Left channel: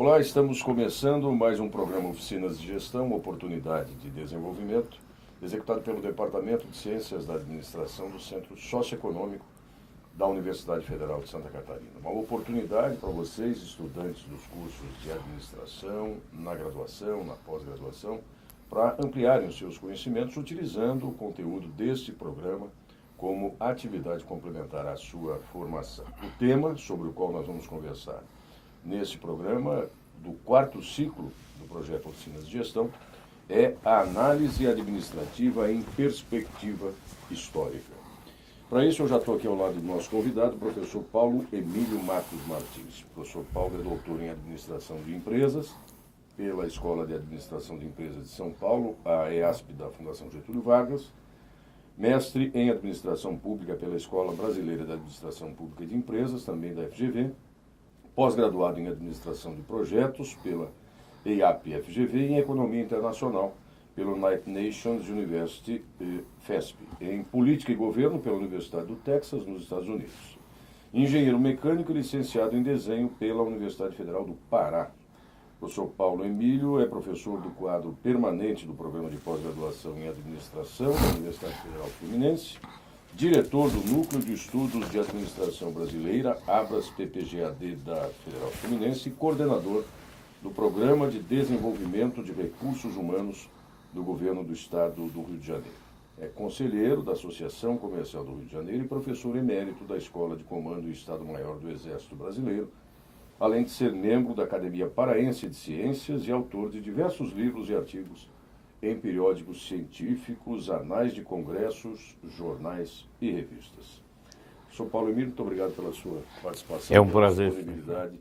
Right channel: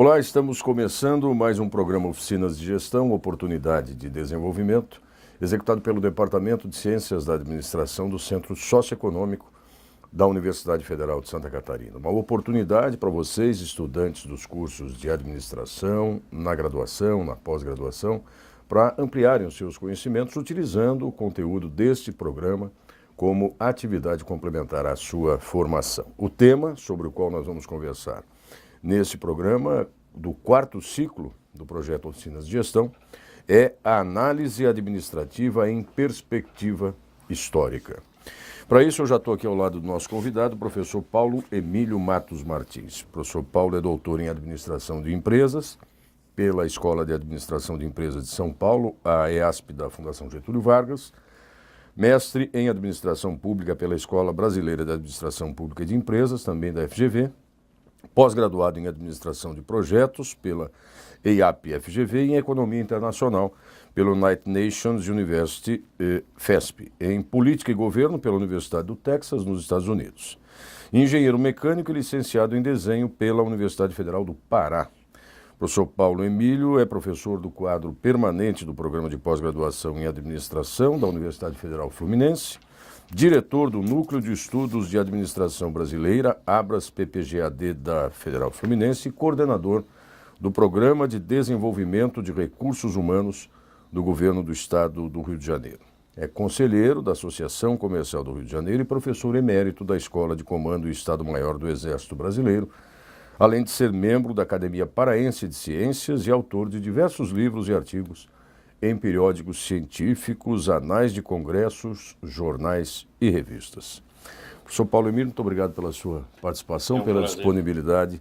Olá, estamos começando mais um programa Oficinas de Gestão, Oportunidade de Desenvolvimento, executado pelo Departamento de Ciências da Administração do Centro Socioeconômico da Universidade Federal de Santa Catarina. Uma oportunidade para vocês, estudantes dos cursos de administração, na graduação, na pós-graduação, para ampliarem os seus conhecimentos utilizando o conteúdo deste programa como atividade complementar à sua formação. O tema sobre o qual nós vamos conversar nesse programa do quarto ciclo do projeto Oficinas de Gestão é a análise administrativa em perspectiva histórica. Para isso, eu já estou aqui ao lado do nosso convidado, o professor Paulo Emílio Matos Martins. O professor Paulo é doutor em Administração de Empresas pela Escola de Administração de Empresas de São Paulo, a EASP da Fundação Getúlio Vargas, mestre em Administração Pública pela Escola Brasileira de Administração Pública e de Empresas, também da FGV, pós-graduado em Administração de Projetos pela EAP-FGV e em Economia Internacional pelo United Nations University FESP, em Política e Governo pela Universidade do Texas, nos Estados Unidos. Engenheiro mecânico e licenciado em Desenho pela Universidade Federal do Pará. O professor Paulo Emílio é professor do quadro permanente do Programa de Pós-Graduação em Administração da Universidade Federal Fluminense, diretor do Núcleo de Estudos de Administração Brasileira, ABRAS-PPGAD da Federal Fluminense, e coordenador do Programa de Desenvolvimento de Recursos Humanos do Governo do Estado do Rio de Janeiro. É conselheiro da Associação Comercial do Rio de Janeiro e professor emérito da Escola de Comando e Estado-Maior do Exército Brasileiro, além de ser membro da Academia Paraense de Ciências e autor de diversos livros e artigos em periódicos científicos, anais de congressos, jornais e revistas. Professor Paulo Emílio, muito obrigado pela sua participação, pela disponibilidade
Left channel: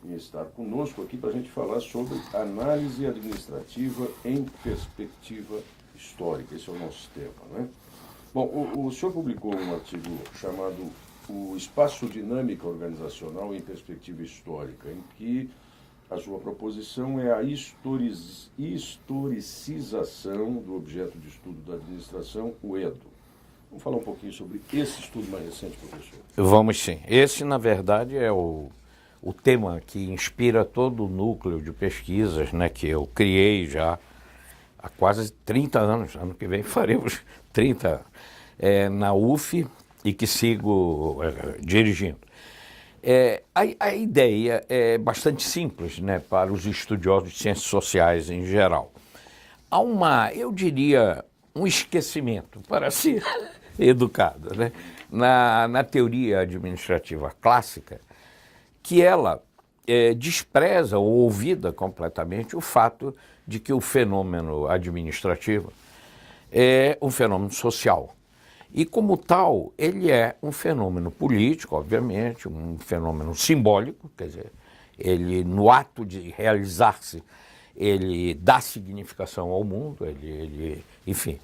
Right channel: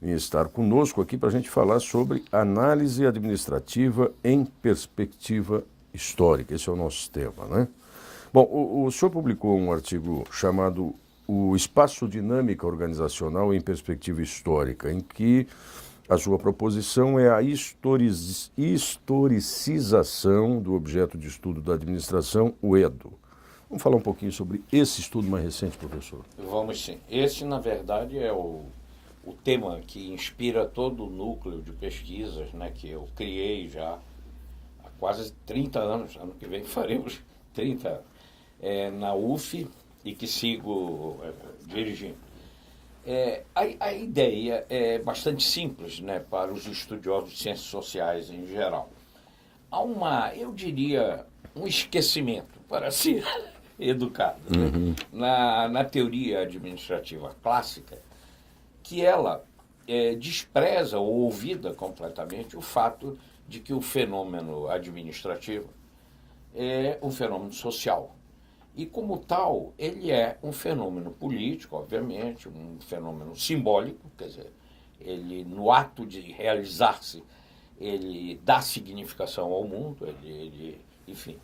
em estar conosco aqui para a gente falar sobre análise administrativa em perspectiva histórica. Esse é o nosso tema, né? Bom, o senhor publicou um artigo chamado O Espaço Dinâmica Organizacional em Perspectiva Histórica, em que a sua proposição é a historicização do objeto de estudo da administração, o EDO. Vamos falar um pouquinho sobre esse estudo mais recente, professor? Vamos sim. Esse, na verdade, é o tema que inspira todo o núcleo de pesquisas, né, que eu criei já há quase 30 anos. Ano que vem faremos 30 na UF e que sigo dirigindo. A ideia é bastante simples, né, para os estudiosos de ciências sociais em geral. Há eu diria, um esquecimento, para ser educado, né, na teoria administrativa clássica, que ela despreza ou olvida completamente o fato de que o fenômeno administrativo é um fenômeno social. E, como tal, ele é um fenômeno político, obviamente, um fenômeno simbólico, quer dizer, ele, no ato de realizar-se, ele dá significação ao mundo, ele enfim,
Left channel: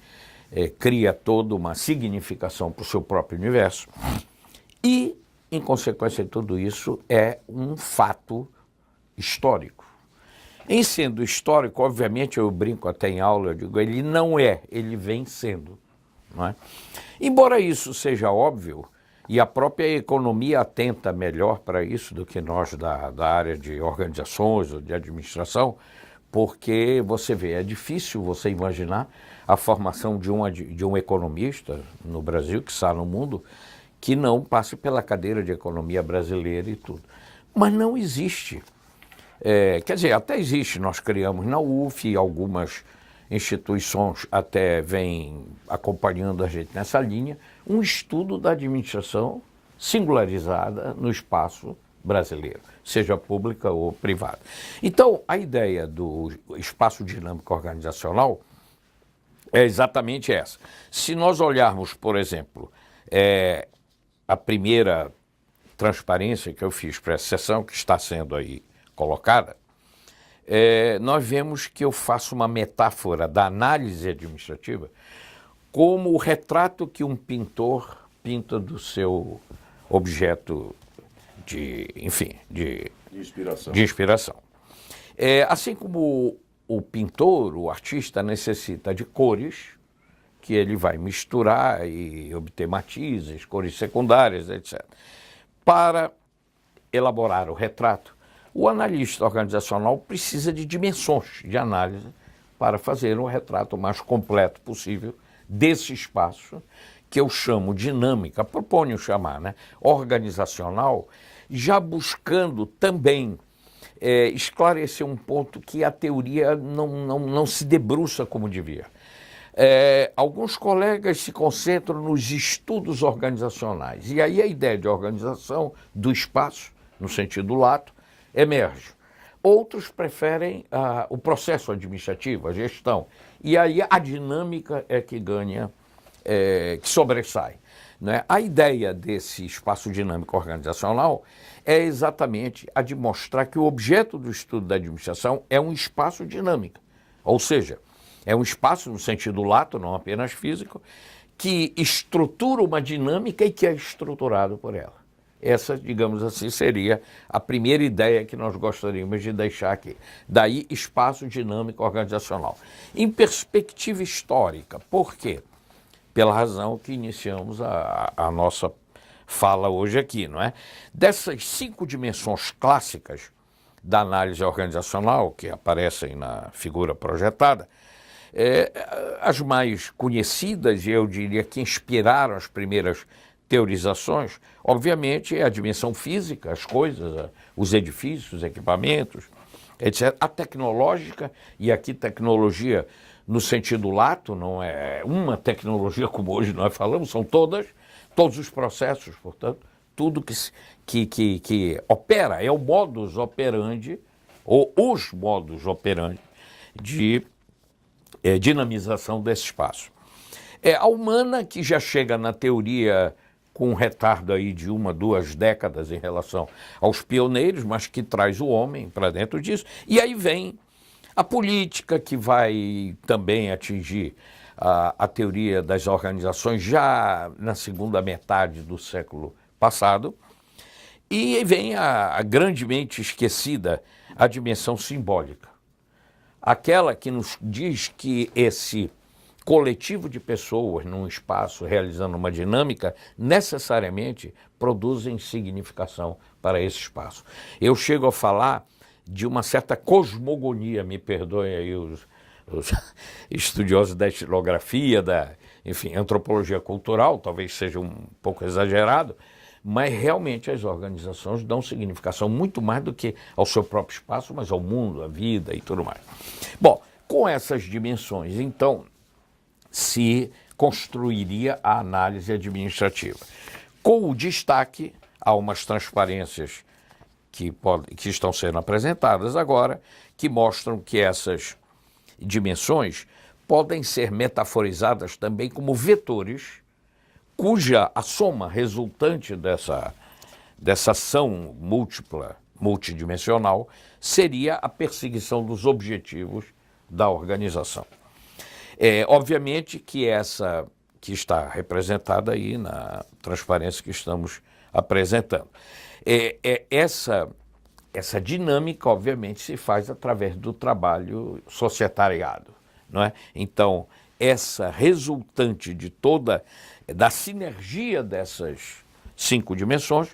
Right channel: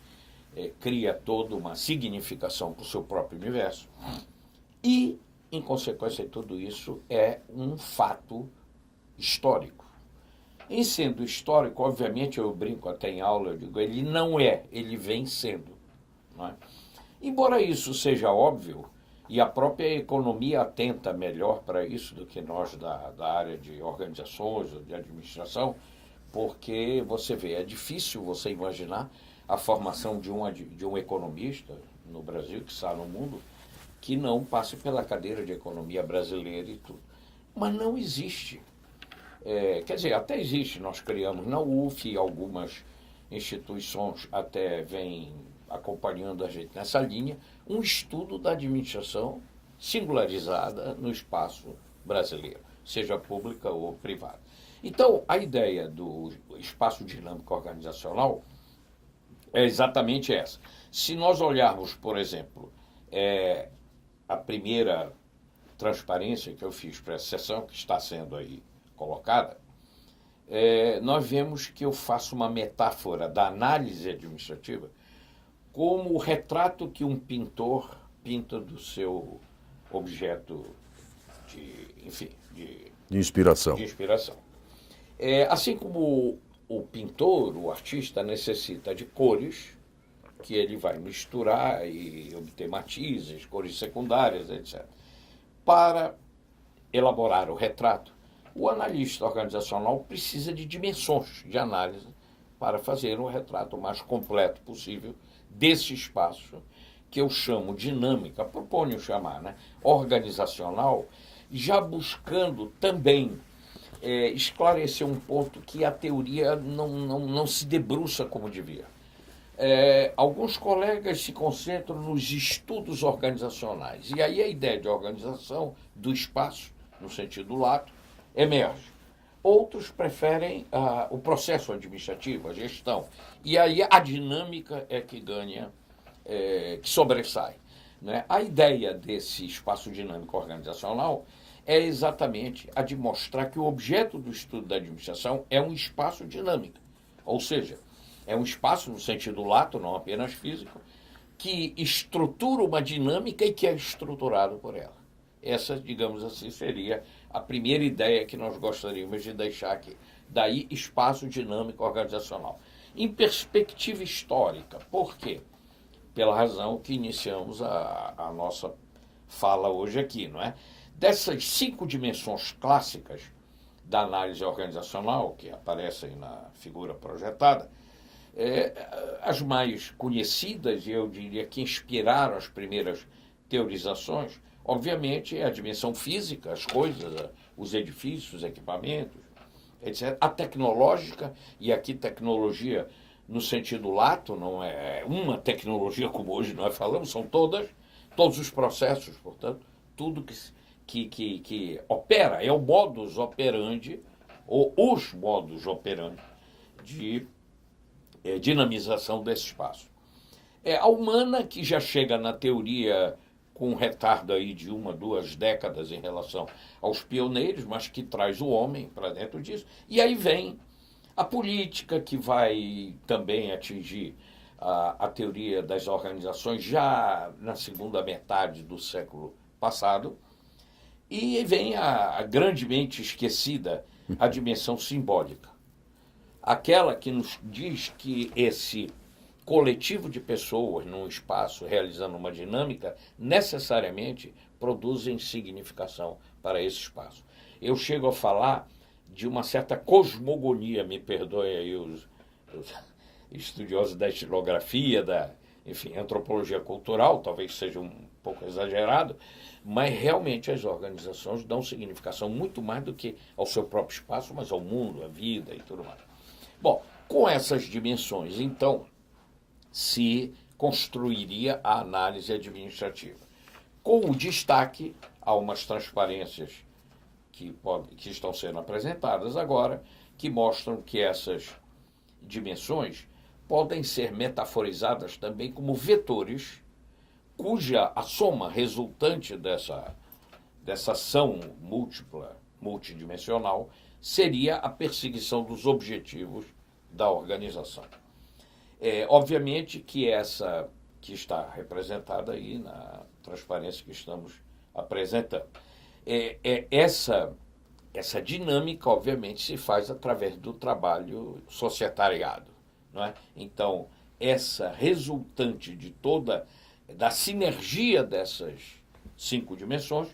cria toda uma significação para o seu próprio universo. E, em consequência de tudo isso, é um fato histórico. Em sendo histórico, obviamente, eu brinco até em aula, eu digo, ele não é, ele vem sendo, não é? Embora isso seja óbvio, e a própria economia atenta melhor para isso do que nós da área de organizações ou de administração, porque você vê, é difícil você imaginar a formação de um economista no Brasil, que está no mundo, que não passe pela cadeira de economia brasileira e tudo. Mas não existe. Quer dizer, até existe, nós criamos na UF, algumas instituições até vêm acompanhando a gente nessa linha, um estudo da administração singularizada no espaço brasileiro, seja pública ou privada. Então, a ideia do espaço dinâmico organizacional é exatamente essa. Se nós olharmos, por exemplo, a primeira transparência que eu fiz para essa sessão, que está sendo aí colocada, nós vemos que eu faço uma metáfora da análise administrativa como o retrato que um pintor pinta do seu objeto de inspiração. Assim como o pintor, o artista, necessita de cores, que ele vai misturar e obter matizes, cores secundárias, etc. Para elaborar o retrato, O analista organizacional precisa de dimensões de análise para fazer um retrato mais completo possível desse espaço, que eu chamo dinâmica, proponho chamar, né, organizacional, já buscando também esclarecer um ponto que a teoria não se debruça como devia. Alguns colegas se concentram nos estudos organizacionais, e aí a ideia de organização do espaço, no sentido lato, emerge. Outros preferem o processo administrativo, a gestão, e aí a dinâmica é que ganha, que sobressai. Né? A ideia desse espaço dinâmico organizacional é exatamente a de mostrar que o objeto do estudo da administração é um espaço dinâmico, ou seja, é um espaço no sentido lato, não apenas físico, que estrutura uma dinâmica e que é estruturado por ela. Essa, digamos assim, seria a primeira ideia que nós gostaríamos de deixar aqui. Daí, espaço dinâmico organizacional. Em perspectiva histórica, por quê? Pela razão que iniciamos a nossa fala hoje aqui, não é? Dessas 5 dimensões clássicas da análise organizacional, que aparecem na figura projetada, as mais conhecidas, e eu diria que inspiraram as primeiras teorizações, obviamente é a dimensão física, as coisas, os edifícios, os equipamentos, etc. A tecnológica, e aqui tecnologia no sentido lato, não é uma tecnologia como hoje nós falamos, são todos os processos, portanto, tudo que opera, é o modus operandi, ou os modus operandi de dinamização desse espaço. A humana, que já chega na teoria com um retardo aí de 1, 2 décadas em relação aos pioneiros, mas que traz o homem para dentro disso. E aí vem a política, que vai também atingir a teoria das organizações já na segunda metade do século passado. E vem a grandemente esquecida a dimensão simbólica. Aquela que nos diz que esse coletivo de pessoas num espaço realizando uma dinâmica necessariamente produzem significação para esse espaço. Eu chego a falar de uma certa cosmogonia, me perdoem aí os estudiosos da etnografia, enfim, antropologia cultural, talvez seja um pouco exagerado, mas realmente as organizações dão significação muito mais do que ao seu próprio espaço, mas ao mundo, à vida e tudo mais. Bom, com essas dimensões, então, se construiria a análise administrativa. Com o destaque a umas transparências que estão sendo apresentadas agora, que mostram que essas dimensões podem ser metaforizadas também como vetores, cuja a soma resultante dessa ação múltipla, multidimensional, seria a perseguição dos objetivos da organização. Obviamente que essa que está representada aí na transparência que estamos apresentando. Essa dinâmica, obviamente, se faz através do trabalho societariado, não é? Então, essa resultante da sinergia dessas 5 dimensões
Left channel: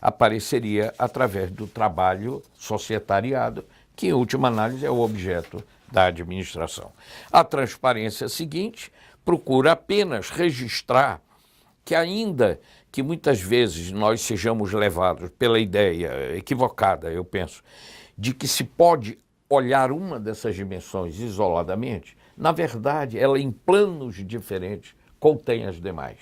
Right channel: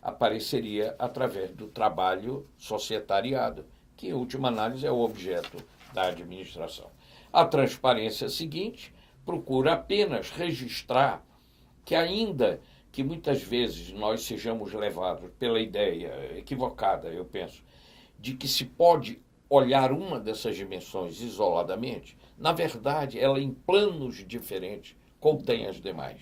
apareceria através do trabalho societariado, que, em última análise, é o objeto da administração. A transparência seguinte procura apenas registrar que, ainda que muitas vezes nós sejamos levados pela ideia equivocada, eu penso, de que se pode olhar uma dessas dimensões isoladamente, na verdade, ela em planos diferentes contém as demais.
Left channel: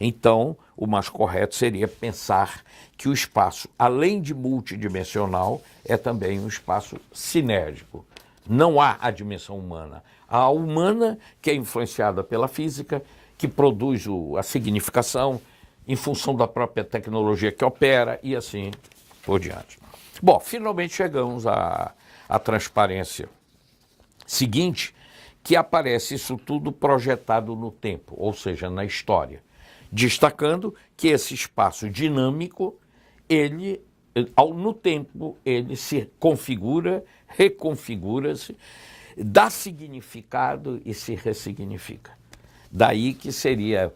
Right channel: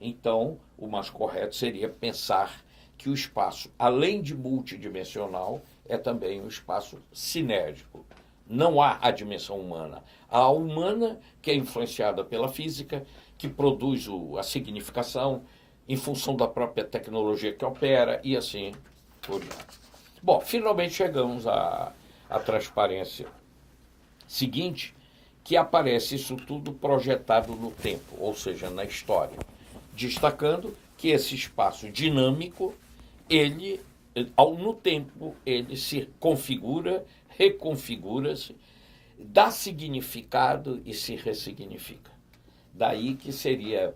Então, o mais correto seria pensar que o espaço, além de multidimensional, é também um espaço sinérgico. Não há a dimensão humana. Há a humana, que é influenciada pela física, que produz a significação em função da própria tecnologia que opera e assim por diante. Bom, finalmente chegamos à transparência seguinte, que aparece isso tudo projetado no tempo, ou seja, na história, destacando que esse espaço dinâmico, no tempo, ele se configura, reconfigura-se, dá significado e se ressignifica. Daí que seria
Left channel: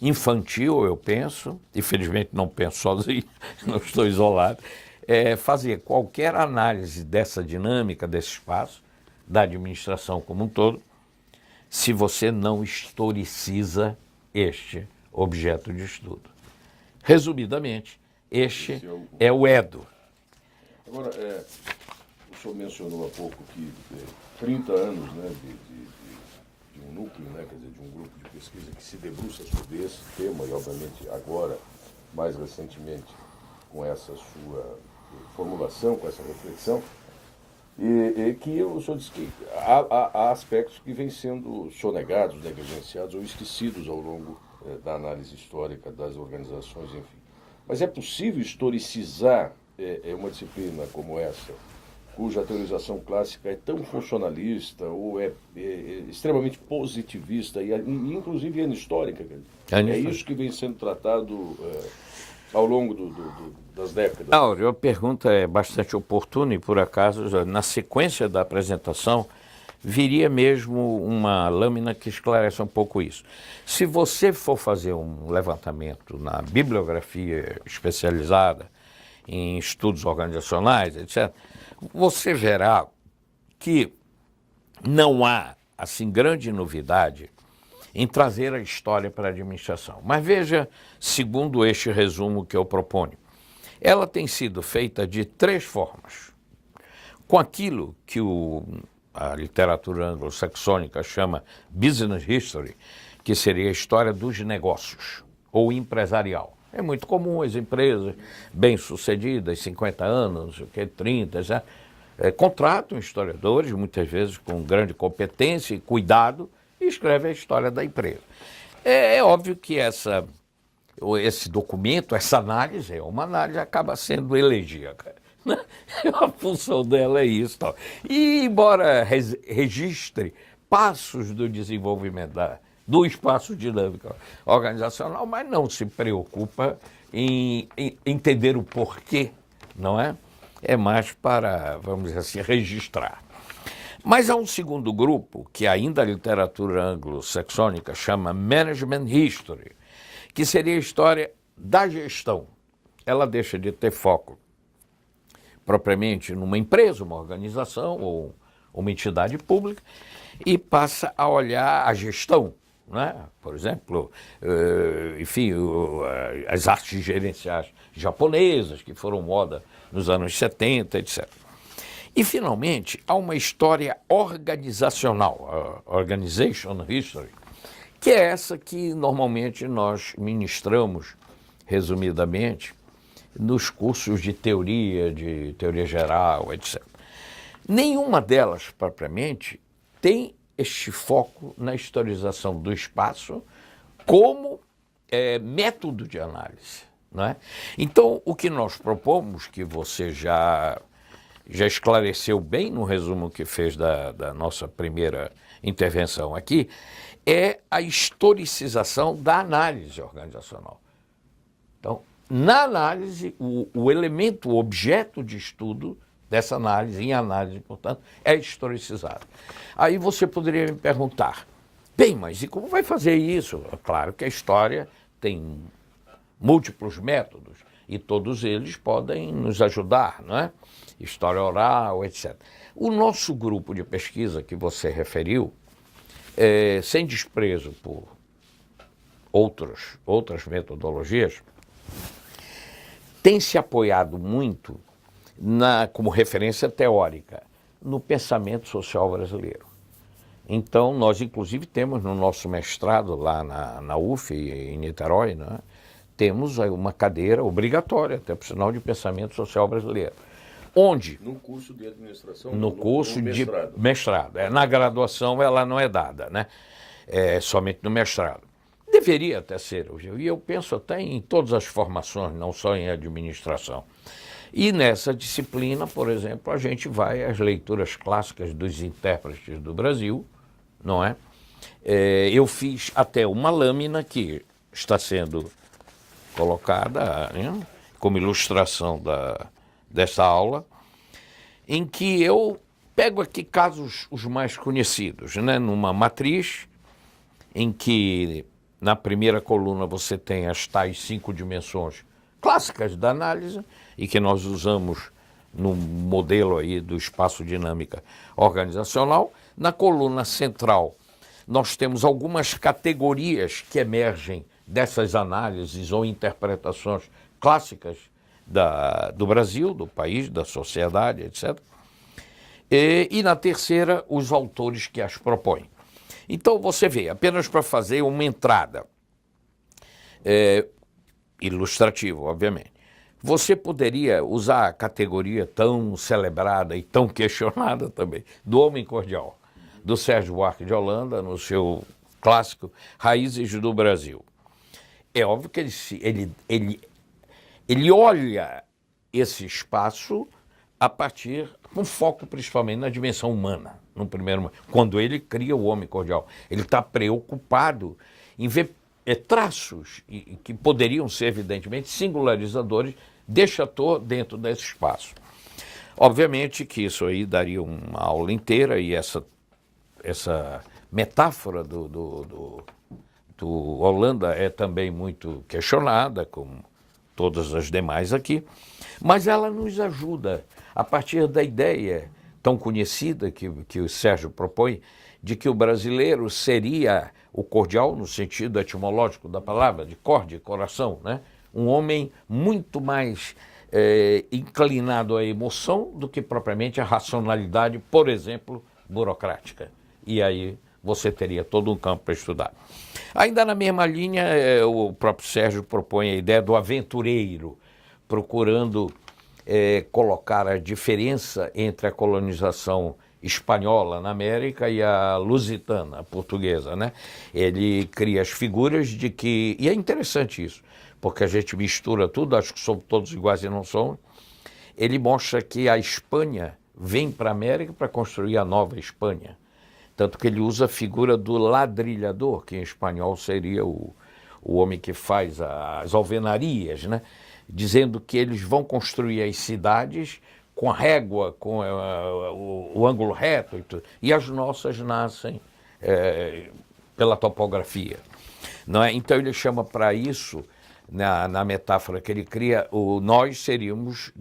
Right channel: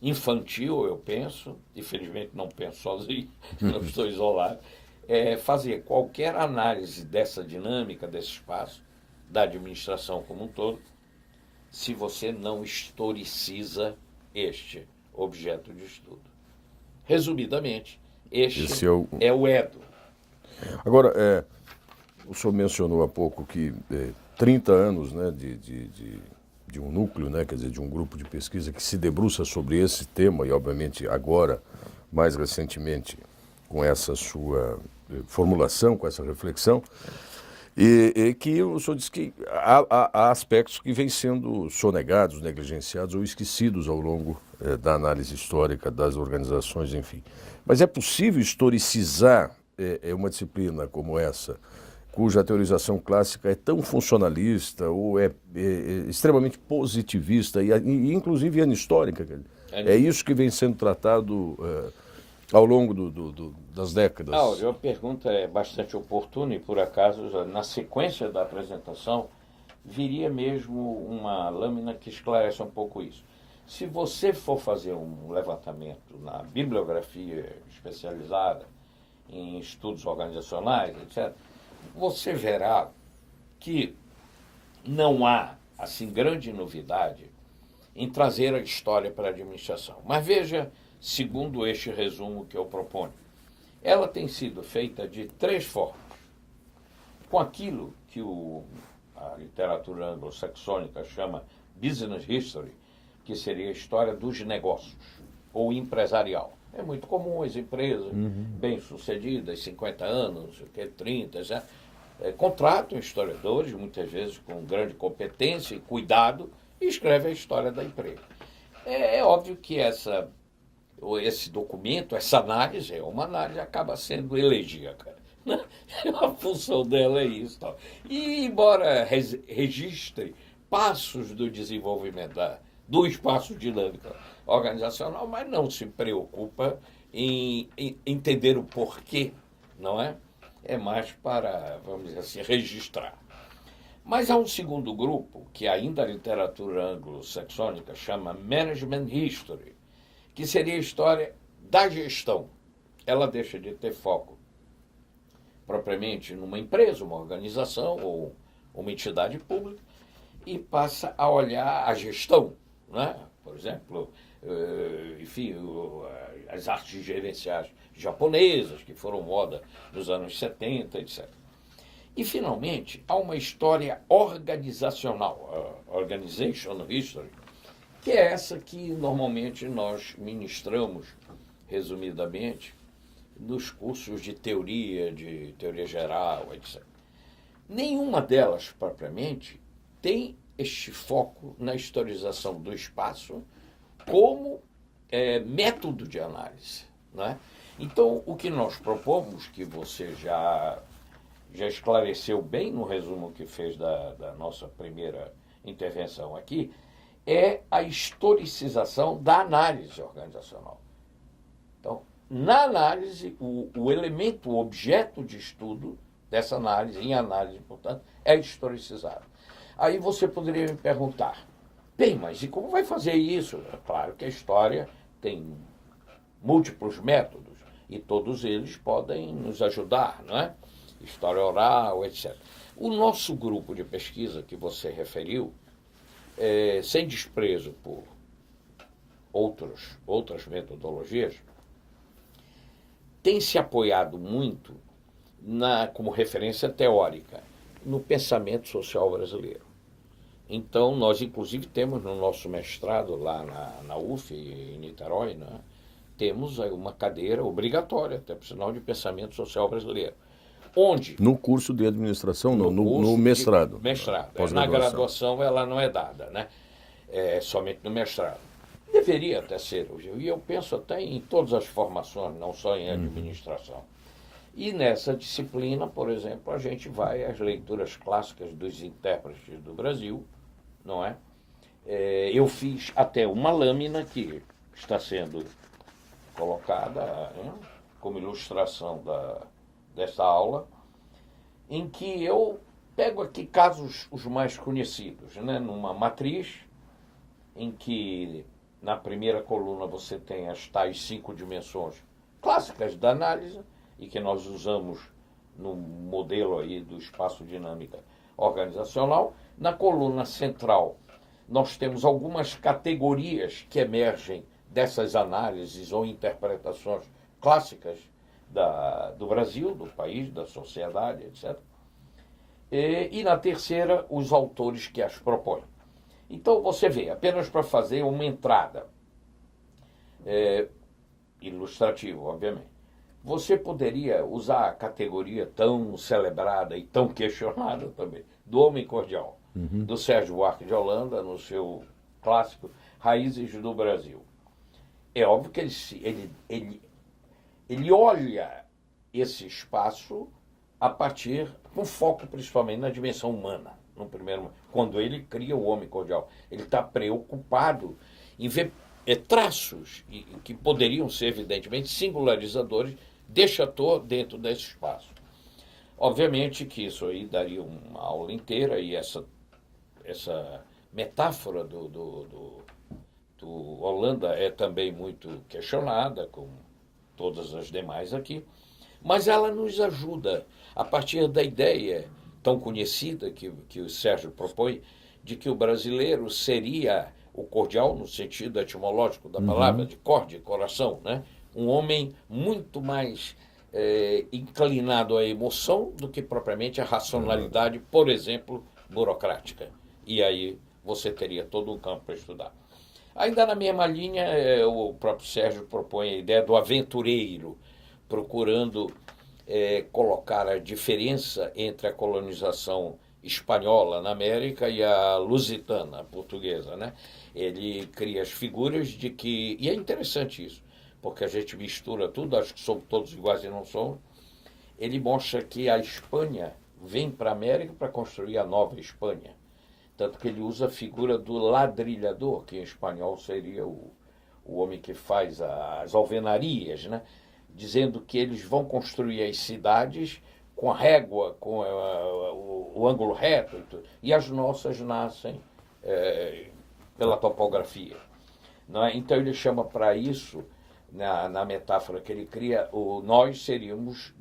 infantil, eu penso, infelizmente não penso sozinho, não estou isolado, fazer qualquer análise dessa dinâmica, desse espaço, da administração como um todo, se você não historiciza este objeto de estudo. Resumidamente, este é o Edo. Agora, o senhor mencionou há pouco que 30 anos, né, de um núcleo, né, quer dizer, de um grupo de pesquisa que se debruça sobre esse tema e, obviamente, agora, mais recentemente, com essa sua formulação, com essa reflexão, e que o senhor disse que há aspectos que vêm sendo sonegados, negligenciados ou esquecidos ao longo da análise histórica das organizações, enfim. Mas é possível historicizar uma disciplina como essa, cuja teorização clássica é tão funcionalista ou é extremamente positivista e inclusive anistórica? É isso que vem sendo tratado ao longo das décadas. A pergunta é bastante oportuna e, por acaso, na sequência da apresentação, viria mesmo uma lâmina que esclarece um pouco isso. Se você for fazer um levantamento na bibliografia especializada, em estudos organizacionais, etc., você verá que não há, assim, grande novidade em trazer a história para a administração. Mas veja, segundo este resumo que eu proponho, ela tem sido feita de 3 formas. Com aquilo que a literatura anglo-saxônica chama business history, que seria a história dos negócios, ou empresarial. É muito comum as empresas bem-sucedidas, 50 anos, 30, já, contratam historiadores, muitas vezes com grande competência e cuidado, e escrevem a história da empresa. É óbvio que esse documento, essa análise, é uma análise, acaba sendo elegíaca. A função dela é isso. Tal. E, embora registre passos do desenvolvimento do espaço dinâmico organizacional, mas não se preocupa em entender o porquê, não é? É mais para, vamos dizer assim, registrar. Mas há um segundo grupo, que ainda a literatura anglo-saxônica chama Management History, que seria a história da gestão. Ela deixa de ter foco propriamente numa empresa, uma organização ou uma entidade pública e passa a olhar a gestão, né? Por exemplo, as artes gerenciais japonesas, que foram moda nos anos 70, etc. E, finalmente, há uma história organizacional, a Organization History, que é essa que normalmente nós ministramos, resumidamente, nos cursos de teoria geral, etc. Nenhuma delas, propriamente, tem este foco na historização do espaço como método de análise, não é? Então, o que nós propomos, que você já esclareceu bem no resumo que fez da nossa primeira intervenção aqui, é a historicização da análise organizacional. Então, na análise, o elemento, o objeto de estudo dessa análise, em análise, portanto, é historicizado. Aí você poderia me perguntar, bem, mas e como vai fazer isso? É claro que a história tem múltiplos métodos e todos eles podem nos ajudar, não é? História oral, etc. O nosso grupo de pesquisa que você referiu, sem desprezo por outras metodologias, tem se apoiado muito, como referência teórica, no pensamento social brasileiro. Então, nós, inclusive, temos no nosso mestrado lá na UF, em Niterói, né, temos aí uma cadeira obrigatória, até por sinal, de pensamento social brasileiro. Onde? No curso de administração, no mestrado. Mestrado. Na graduação ela não é dada, né? É somente no mestrado. Deveria até ser, e eu penso até em todas as formações, não só em administração. E nessa disciplina, por exemplo, a gente vai às leituras clássicas dos intérpretes do Brasil, não é? Eu fiz até uma lâmina que está sendo colocada, né, como ilustração desta aula, em que eu pego aqui casos os mais conhecidos, né, numa matriz em que na primeira coluna você tem as tais 5 dimensões clássicas da análise e que nós usamos no modelo aí do espaço dinâmica organizacional. Na coluna central, nós temos algumas categorias que emergem dessas análises ou interpretações clássicas do Brasil, do país, da sociedade, etc. E na terceira, os autores que as propõem. Então, você vê, apenas para fazer uma entrada ilustrativa, obviamente, você poderia usar a categoria tão celebrada e tão questionada também, do Homem Cordial, do Sérgio Buarque de Holanda, no seu clássico Raízes do Brasil. É óbvio que ele olha esse espaço a partir, com foco principalmente na dimensão humana, no primeiro momento. Quando ele cria o Homem Cordial, ele está preocupado em ver traços que poderiam ser, evidentemente, singularizadores deste ator dentro desse espaço. Obviamente que isso aí daria uma aula inteira, e essa metáfora do Holanda é também muito questionada, como todas as demais aqui, mas ela nos ajuda a partir da ideia tão conhecida que o Sérgio propõe, de que o brasileiro seria o cordial, no sentido etimológico da palavra, de corde, coração, né? Um homem muito mais inclinado à emoção do que propriamente à racionalidade, por exemplo, burocrática. E aí você teria todo um campo para estudar. Ainda na mesma linha, o próprio Sérgio propõe a ideia do aventureiro, procurando colocar a diferença entre a colonização espanhola na América e a lusitana, a portuguesa, né? Ele cria as figuras de que... E é interessante isso, porque a gente mistura tudo, acho que somos todos iguais e não somos. Ele mostra que a Espanha vem para a América para construir a nova Espanha. Tanto que ele usa a figura do ladrilhador, que em espanhol seria o homem que faz as alvenarias, né? Dizendo que eles vão construir as cidades com a régua, com o ângulo reto, e tudo. E as nossas nascem pela topografia. Não é? Então ele chama para isso, na metáfora que ele cria, nós seríamos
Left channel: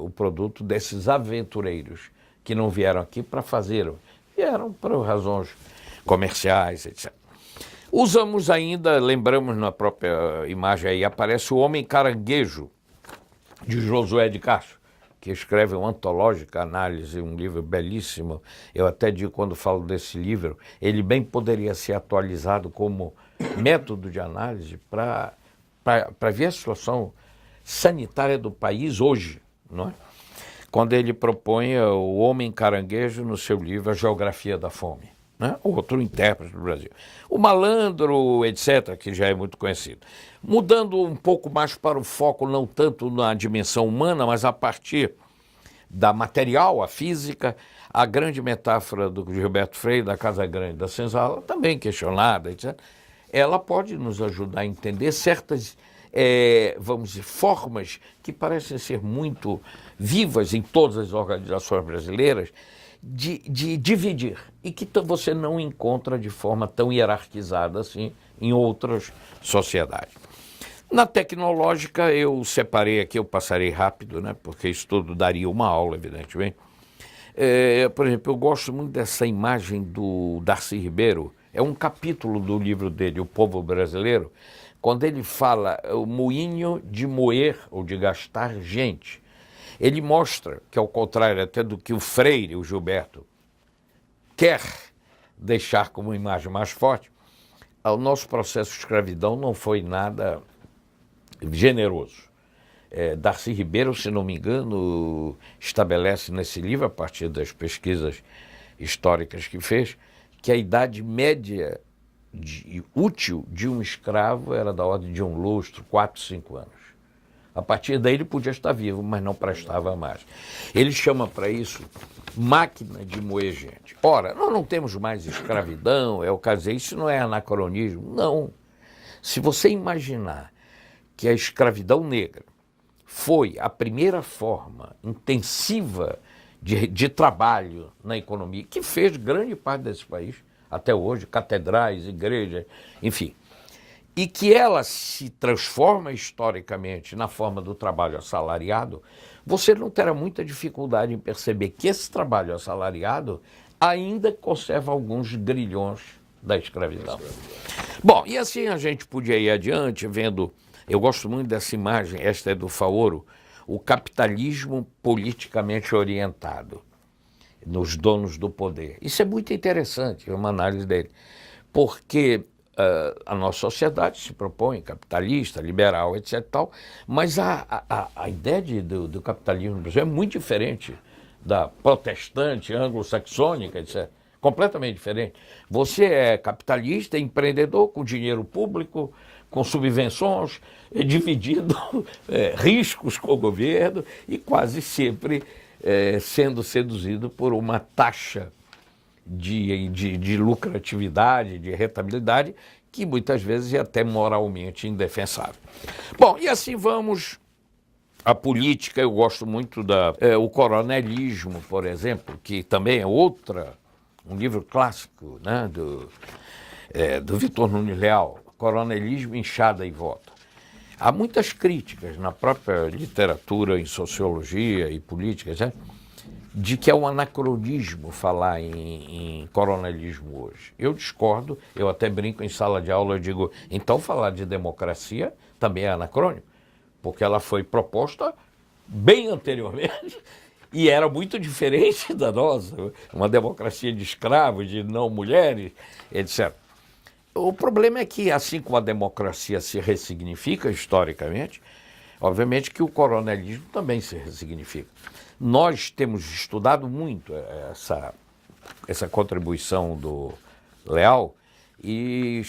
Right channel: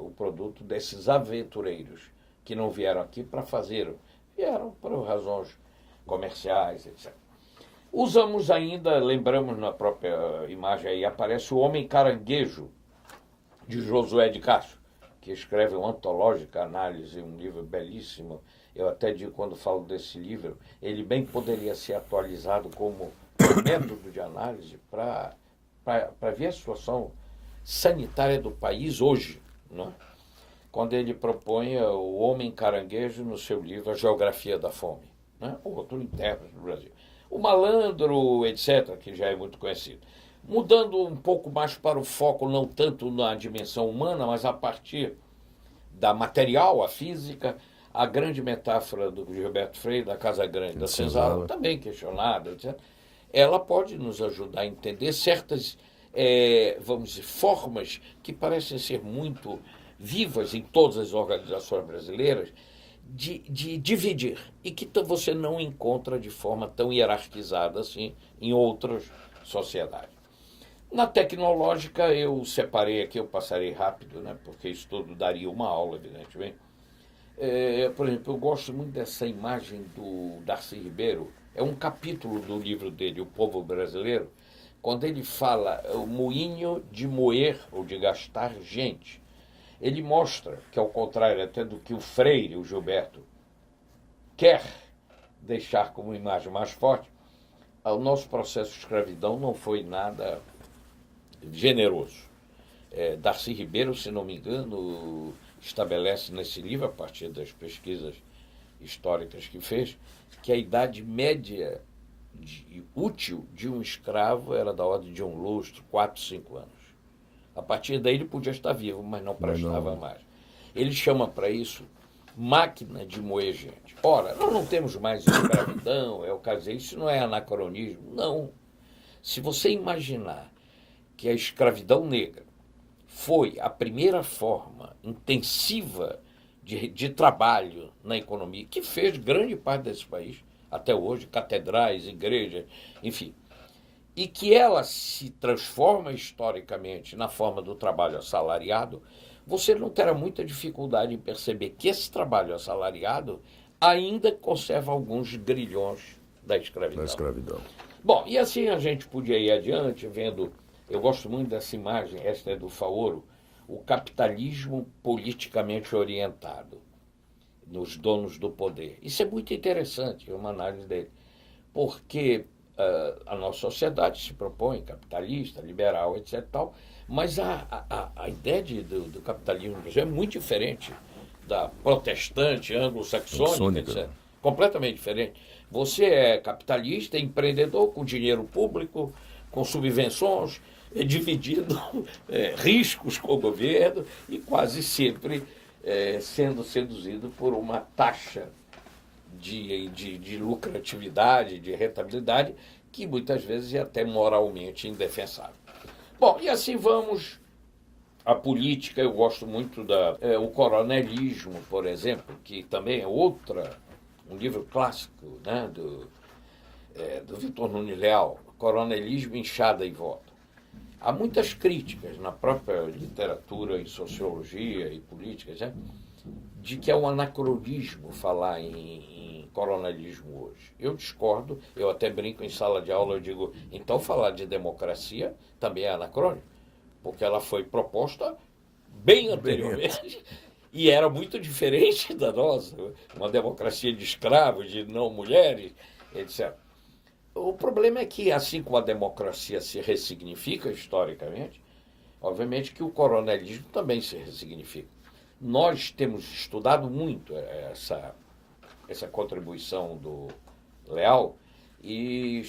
o produto desses aventureiros que não vieram aqui para fazer, vieram por razões comerciais, etc. Usamos ainda, lembramos na própria imagem aí, aparece o Homem Caranguejo, de Josué de Castro, que escreve uma antológica análise, um livro belíssimo. Eu até digo, quando falo desse livro, ele bem poderia ser atualizado como método de análise para ver a situação sanitária do país hoje, não é? Quando ele propõe o Homem Caranguejo no seu livro A Geografia da Fome, né? Outro intérprete do Brasil. O Malandro, etc., que já é muito conhecido. Mudando um pouco mais para o foco, não tanto na dimensão humana, mas a partir da material, a física, a grande metáfora do Gilberto Freire, da Casa Grande, da Senzala, também questionada, etc., ela pode nos ajudar a entender certas, vamos dizer, formas que parecem ser muito vivas em todas as organizações brasileiras, de dividir, e que você não encontra de forma tão hierarquizada assim em outras sociedades. Na tecnológica, eu separei aqui, eu passarei rápido, né, porque isso tudo daria uma aula, evidentemente. Por exemplo, eu gosto muito dessa imagem do Darcy Ribeiro, é um capítulo do livro dele, O Povo Brasileiro, quando ele fala o moinho de moer ou de gastar gente. Ele mostra que, ao contrário até do que o Freire, o Gilberto, quer deixar como imagem mais forte, o nosso processo de escravidão não foi nada generoso. Darcy Ribeiro, se não me engano, estabelece nesse livro, a partir das pesquisas históricas que fez, que a idade média útil de um escravo era da ordem de um lustro, 4, 5 anos. A partir daí ele podia estar vivo, mas não prestava mais. Ele chama para isso máquina de moer gente. Ora, nós não temos mais escravidão, é o caso, isso não é anacronismo, não. Se você imaginar que a escravidão negra foi a primeira forma intensiva de trabalho na economia, que fez grande parte desse país, até hoje, catedrais, igrejas, enfim. e que ela se transforma historicamente na forma do trabalho assalariado, você não terá muita dificuldade em perceber que esse trabalho assalariado ainda conserva alguns grilhões da escravidão. Bom, e assim a gente podia ir adiante vendo, eu gosto muito dessa imagem, esta é do Faoro, o capitalismo politicamente orientado nos donos do poder. Isso é muito interessante, uma análise dele, porque a nossa sociedade se propõe capitalista, liberal, etc. Tal, mas a ideia do capitalismo no Brasil é muito diferente da protestante, anglo-saxônica, etc. Completamente diferente. Você é capitalista, empreendedor com dinheiro público, com subvenções, dividindo riscos com o governo e quase sempre sendo seduzido por uma taxa de lucratividade, de rentabilidade, que muitas vezes é até moralmente indefensável. Bom, e assim vamos à política. Eu gosto muito o coronelismo, por exemplo, que também é um livro clássico, né, do Vitor Nunes Leal, Coronelismo, Enxada e Voto. Há muitas críticas na própria literatura, em sociologia e política, né, de que é um anacronismo falar em coronelismo hoje. Eu discordo, eu até brinco em sala de aula, eu digo, então falar de democracia também é anacrônico, porque ela foi proposta bem anteriormente e era muito diferente da nossa, uma democracia de escravos, de não mulheres, etc. O problema é que, assim como a democracia se ressignifica historicamente, obviamente que o coronelismo também se ressignifica. Nós temos estudado muito essa contribuição do Leal e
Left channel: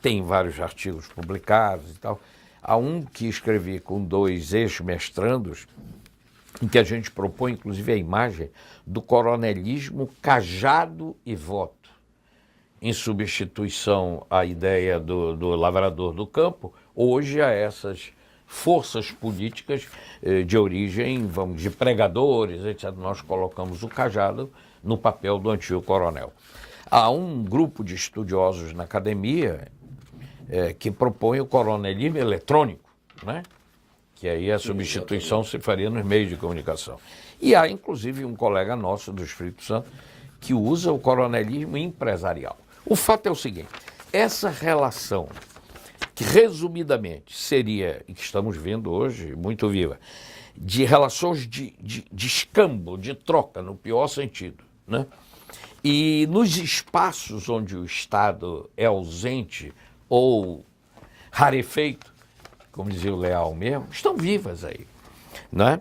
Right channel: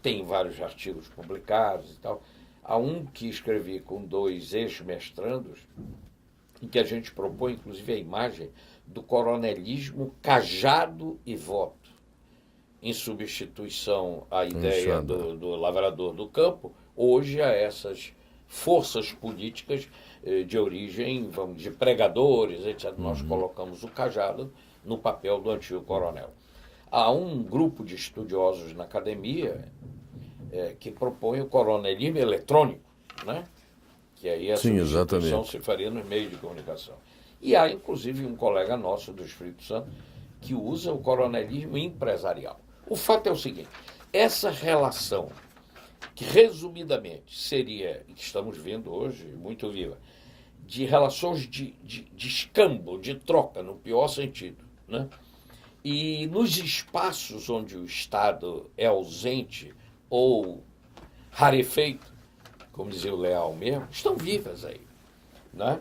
tem vários artigos publicados e tal. Há um que escrevi com 2 ex-mestrandos, em que a gente propõe, inclusive, a imagem do coronelismo cajado e voto, em substituição à ideia do lavrador do campo, hoje a essas forças políticas de origem, de pregadores, etc. Nós colocamos o cajado no papel do antigo coronel. Há um grupo de estudiosos na academia que propõe o coronelismo eletrônico, né? Que aí a substituição se faria nos meios de comunicação. E há, inclusive, um colega nosso do Espírito Santo que usa o coronelismo empresarial. O fato é o seguinte, essa relação que, resumidamente, seria, e que estamos vendo hoje, muito viva, de relações de escambo, de troca, no pior sentido, né? E nos espaços onde o Estado é ausente ou rarefeito, como dizia o Leal mesmo, estão vivas aí, né?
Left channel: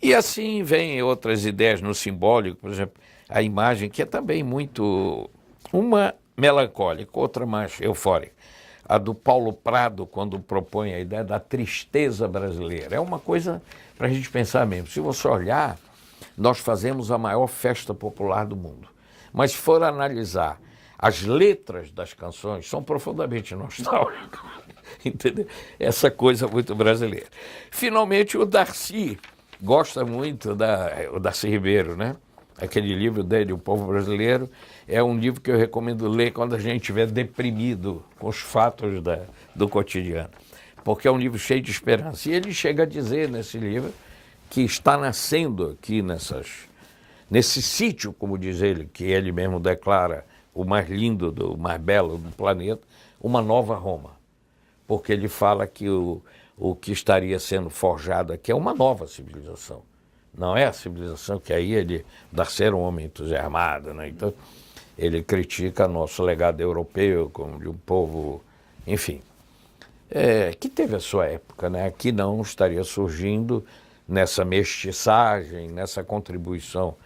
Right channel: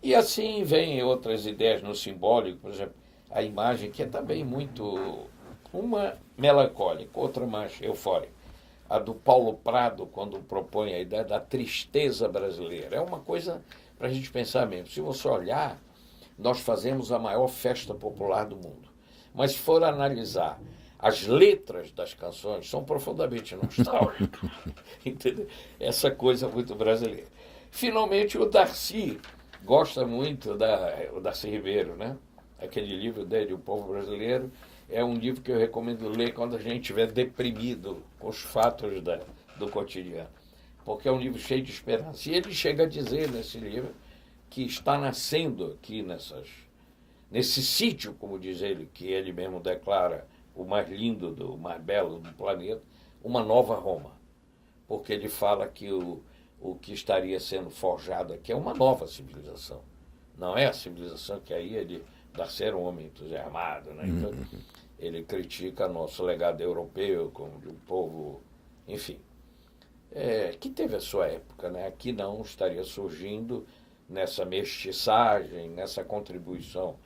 E assim vem outras ideias no simbólico, por exemplo, a imagem que é também muito, uma melancólica, outra mais eufórica. A do Paulo Prado, quando propõe a ideia da tristeza brasileira. É uma coisa para a gente pensar mesmo. Se você olhar, nós fazemos a maior festa popular do mundo. Mas se for analisar, as letras das canções são profundamente nostálgicas. Entendeu? Essa coisa muito brasileira. Finalmente, o Darcy gosta muito o Darcy Ribeiro, né? Aquele livro dele, O Povo Brasileiro, é um livro que eu recomendo ler quando a gente estiver deprimido com os fatos do cotidiano, porque é um livro cheio de esperança. E ele chega a dizer nesse livro que está nascendo aqui nesse sítio, como diz ele, que ele mesmo declara o mais lindo, o mais belo do planeta, uma nova Roma. Porque ele fala que o que estaria sendo forjado aqui é uma nova civilização. Não é a civilização que aí ele dá ser um homem entusiasmado, né? Então, ele critica nosso legado europeu como de um povo, enfim, que teve a sua época, né? Que não estaria surgindo nessa mestiçagem, nessa contribuição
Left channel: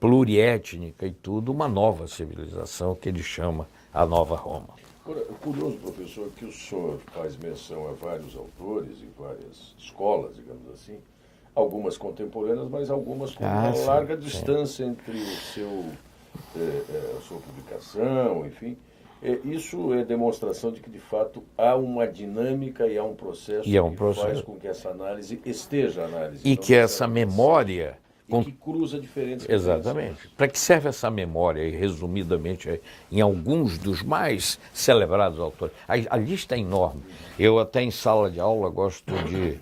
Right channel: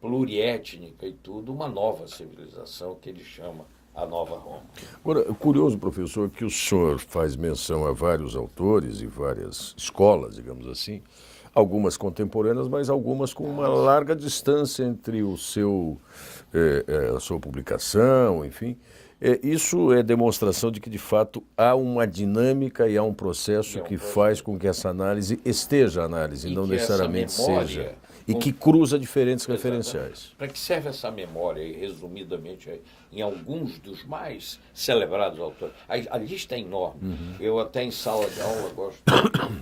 pluriétnica e tudo, uma nova civilização que ele chama a Nova Roma. Agora, é curioso, professor, que o senhor faz menção a vários autores e várias escolas, digamos assim, algumas contemporâneas, mas algumas com uma larga distância entre a sua publicação, enfim. Isso é demonstração de que, de fato, há uma dinâmica e há um processo que faz com que essa análise esteja a análise. E não que essa necessariamente memória... seja, e que cruza diferentes referenciais. Exatamente. Para que serve essa memória, e resumidamente, em alguns dos mais celebrados autores? A lista é enorme. Eu até em sala de aula gosto de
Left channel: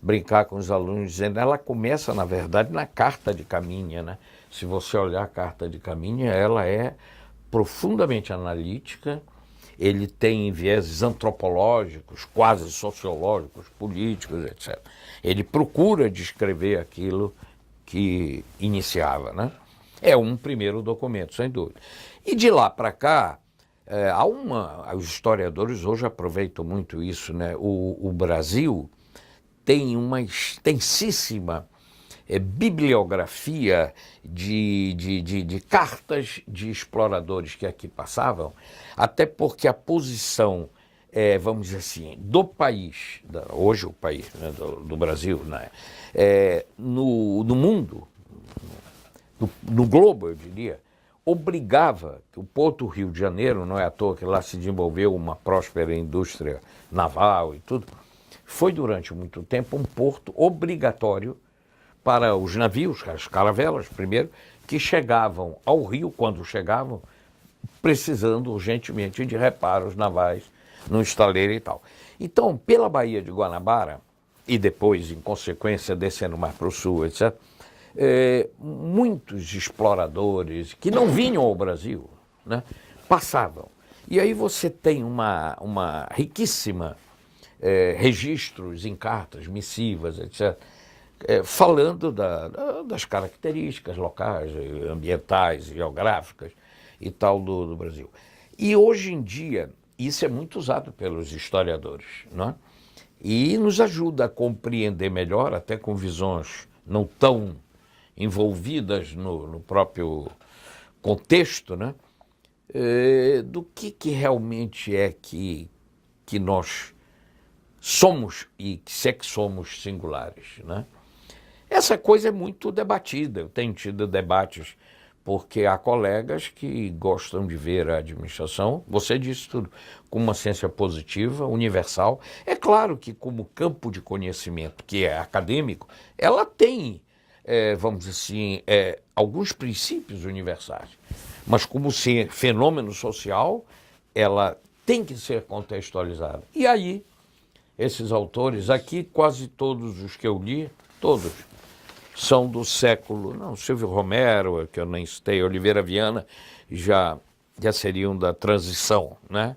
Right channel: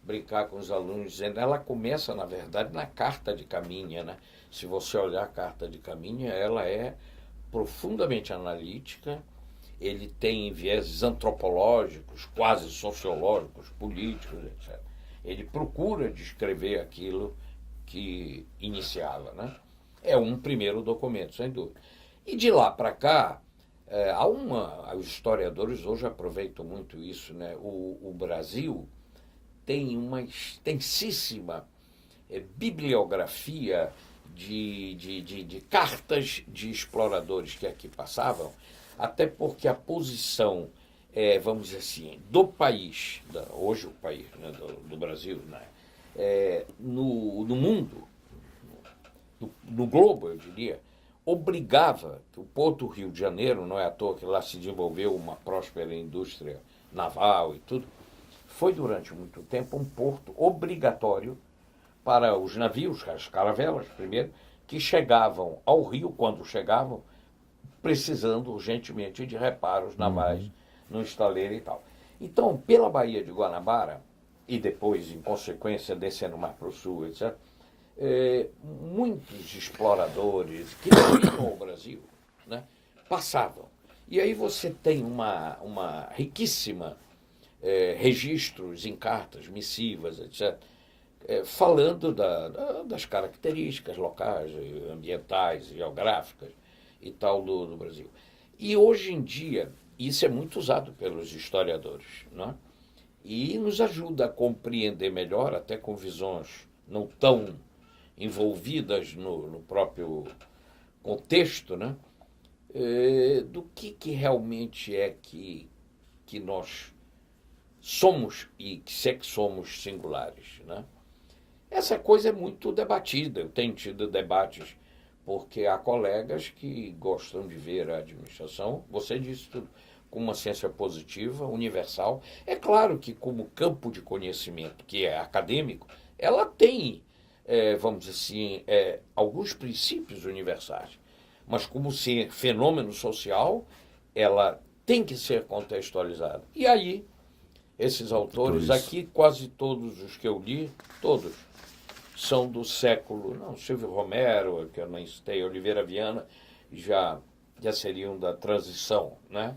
brincar com os alunos, dizendo, ela começa, na verdade, na Carta de Caminha, né? Se você olhar a Carta de Caminha, ela é profundamente analítica, ele tem vieses antropológicos, quase sociológicos, políticos, etc. Ele procura descrever aquilo que iniciava, né? É um primeiro documento, sem dúvida. E de lá para cá, os historiadores hoje aproveitam muito isso, né? O Brasil tem uma extensíssima bibliografia de cartas de exploradores que aqui passavam, até porque a posição, vamos dizer assim, do país, hoje o país, né, do Brasil, né, no mundo, no globo, eu diria, obrigava, o Porto Rio de Janeiro, não é à toa que lá se desenvolveu uma próspera indústria naval e tudo, foi durante muito tempo um porto obrigatório para os navios, as caravelas primeiro, que chegavam ao Rio, quando chegavam, precisando urgentemente de reparos navais no estaleiro e tal. Então, pela Baía de Guanabara, e depois, em consequência, descendo mais para o sul, etc., muitos exploradores que não vinham ao Brasil, né, passavam. E aí você tem uma riquíssima registros em cartas, missivas, etc., falando das características locais, ambientais, geográficas e tal do Brasil. E hoje em dia, isso é muito usado pelos historiadores, não é? E nos ajuda a compreender melhor, até com visões não tão envolvidas no próprio contexto, né? Do que realmente é que nós somos e se é que somos singulares, né? Essa coisa é muito debatida, eu tenho tido debates, porque há colegas que gostam de ver a administração, você disse tudo, com uma ciência positiva, universal. É claro que como campo de conhecimento, que é acadêmico, ela tem, vamos dizer assim, alguns princípios universais, mas como fenômeno social, ela tem que ser contextualizada. E aí, esses autores, aqui quase todos os que eu li, todos, são do século, Silvio Romero, que eu nem citei, Oliveira Viana, já seriam da transição, né?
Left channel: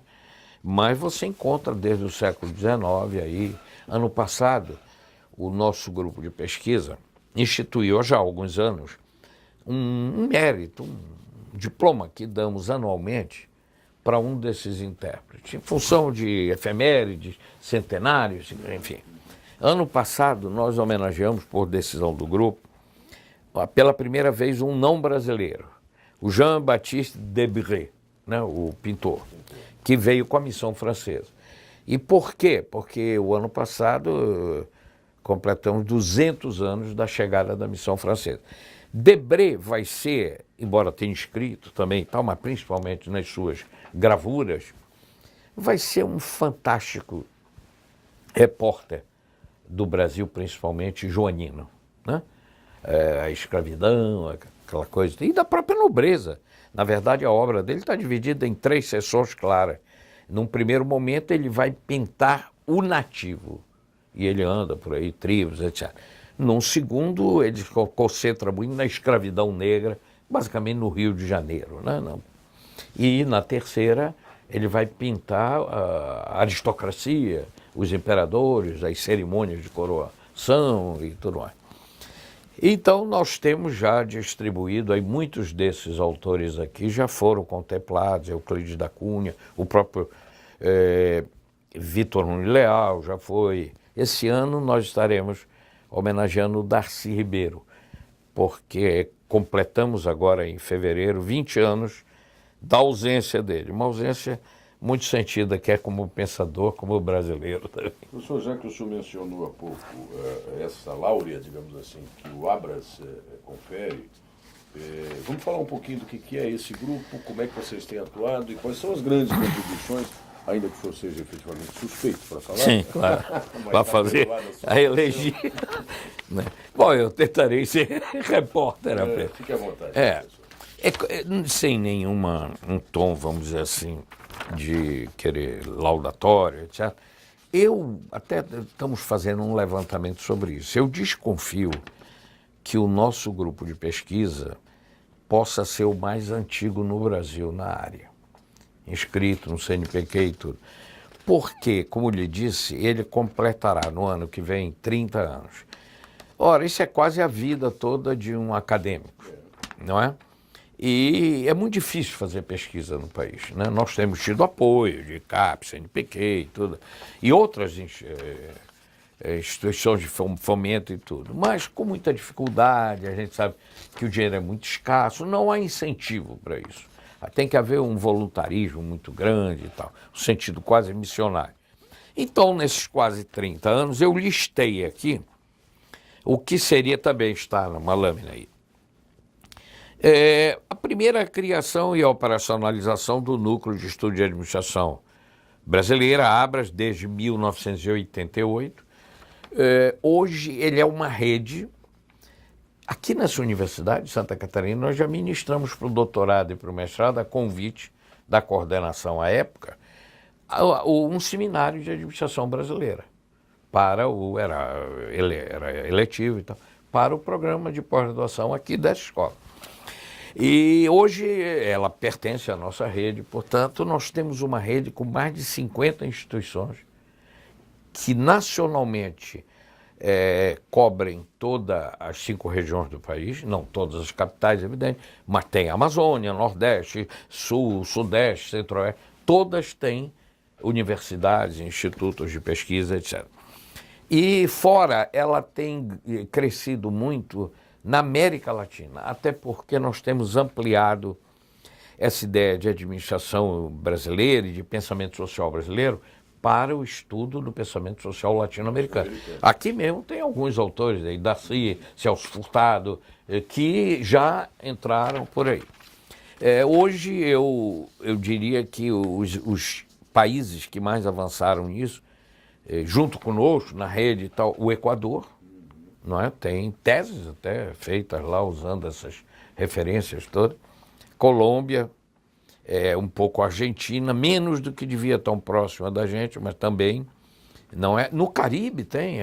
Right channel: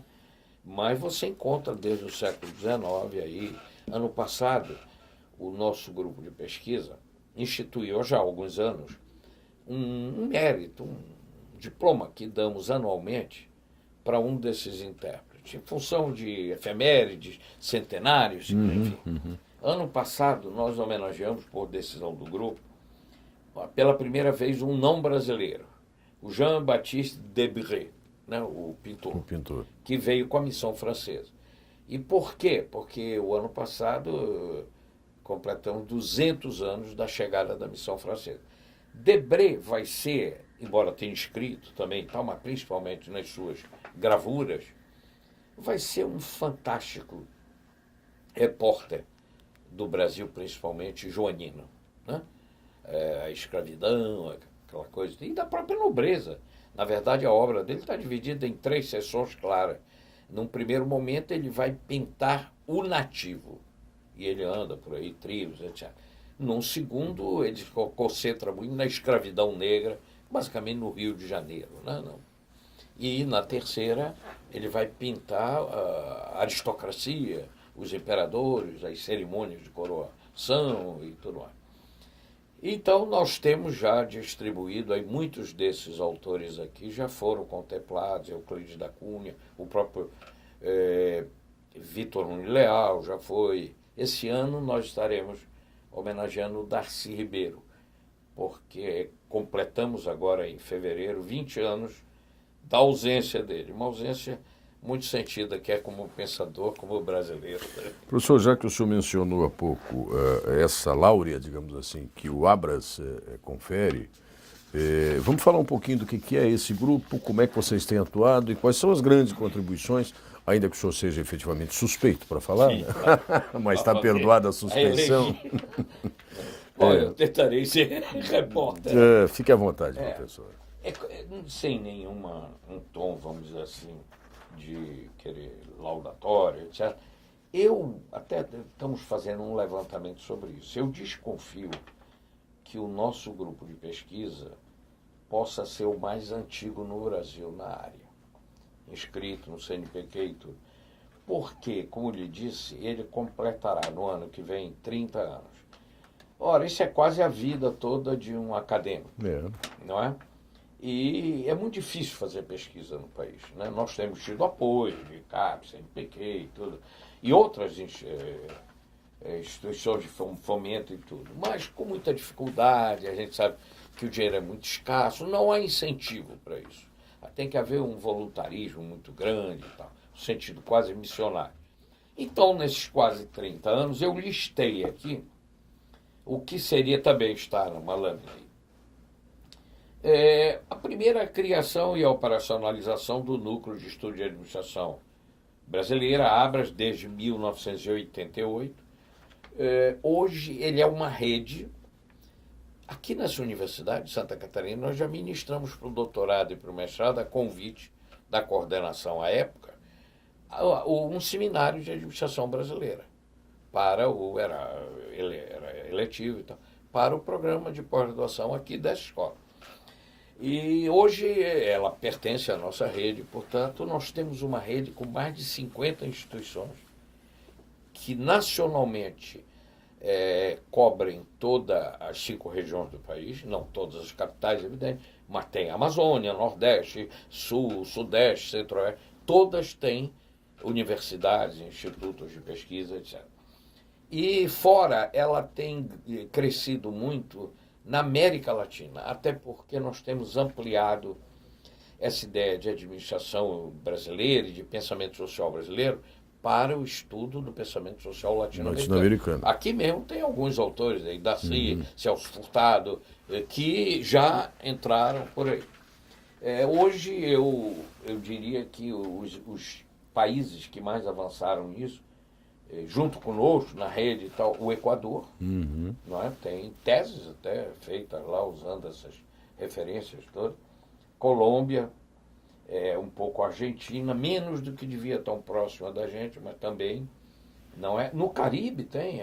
Mas você encontra desde o século XIX aí. Ano passado, o nosso grupo de pesquisa instituiu já há alguns anos um mérito, um diploma que damos anualmente para um desses intérpretes, em função de efemérides, centenários, enfim. Ano passado, nós homenageamos, por decisão do grupo, pela primeira vez um não brasileiro, o Jean-Baptiste Debré, né, o pintor, que veio com a missão francesa. E por quê? Porque o ano passado completamos 200 anos da chegada da missão francesa. Debré vai ser, embora tenha escrito também, mas principalmente nas suas gravuras, vai ser um fantástico repórter do Brasil, principalmente joanino, né? A escravidão, aquela coisa, e da própria nobreza. Na verdade, a obra dele está dividida em 3 seções claras. Num primeiro momento, ele vai pintar o nativo, e ele anda por aí, tribos, etc. Num segundo, ele se concentra muito na escravidão negra, basicamente no Rio de Janeiro, né? E na terceira, ele vai pintar a aristocracia, os imperadores, as cerimônias de coroação e tudo mais. Então, nós temos já distribuído, aí muitos desses autores aqui já foram contemplados, Euclides da Cunha, o próprio Vitor Nunes Leal já foi. Esse ano nós estaremos homenageando o Darcy Ribeiro, porque completamos agora em fevereiro 20 anos da ausência dele, uma ausência muito sentida, quer como pensador, como brasileiro. Professor, já que o senhor mencionou há pouco essa láurea, digamos assim, que o Abras confere, Vamos falar um pouquinho do que é esse grupo, como é que vocês têm atuado e quais são as grandes contribuições, ainda que o senhor seja efetivamente suspeito para falar. Sim, claro. Mas está perdoada a suspeição. Bom, eu tentarei ser repórter. Fique à vontade, professor. Sem um tom, vamos dizer assim, de querer laudatório, etc. Até estamos fazendo um levantamento sobre isso. Eu desconfio que o nosso grupo de pesquisa possa ser o mais antigo no Brasil na área, inscrito no CNPq e tudo. Porque, como lhe disse, ele completará no ano que vem 30 anos. Ora, isso é quase a vida toda de um acadêmico, não é? E é muito difícil fazer pesquisa no país, né? Nós temos tido apoio de CAPES, CNPq e tudo, e outras instituições de fomento e tudo, mas com muita dificuldade, a gente sabe que o dinheiro é muito escasso, não há incentivo para isso. Tem que haver um voluntarismo muito grande e tal, um sentido quase missionário. Então, nesses quase 30 anos, eu listei aqui o que seria também estar numa lâmina aí. A primeira criação e a operacionalização do Núcleo de Estudo de Administração Brasileira, ABRAS, desde 1988. Hoje ele é uma rede. Aqui nessa Universidade de Santa Catarina, nós já ministramos para o doutorado e para o mestrado, a convite da coordenação à época, um seminário de administração brasileira, era eletivo e tal, para o programa de pós-graduação aqui dessa escola. E hoje ela pertence à nossa rede, portanto, nós temos uma rede com mais de 50 instituições que nacionalmente cobrem todas as 5 regiões do país, não todas as capitais, evidente, mas tem Amazônia, Nordeste, Sul, Sudeste, Centro-Oeste, todas têm universidades, institutos de pesquisa, etc. E fora, ela tem crescido muito na América Latina, até porque nós temos ampliado essa ideia de administração brasileira e de pensamento social brasileiro para o estudo do pensamento social latino-americano. Aqui mesmo tem alguns autores, Darcy, Celso Furtado, que já entraram por aí. Hoje eu diria que os países que mais avançaram nisso, junto conosco, na rede e tal, o Equador, não é? Tem teses até feitas lá usando essas referências todas. Colômbia, um pouco Argentina, menos do que devia tão próxima da gente, mas também não é. No Caribe tem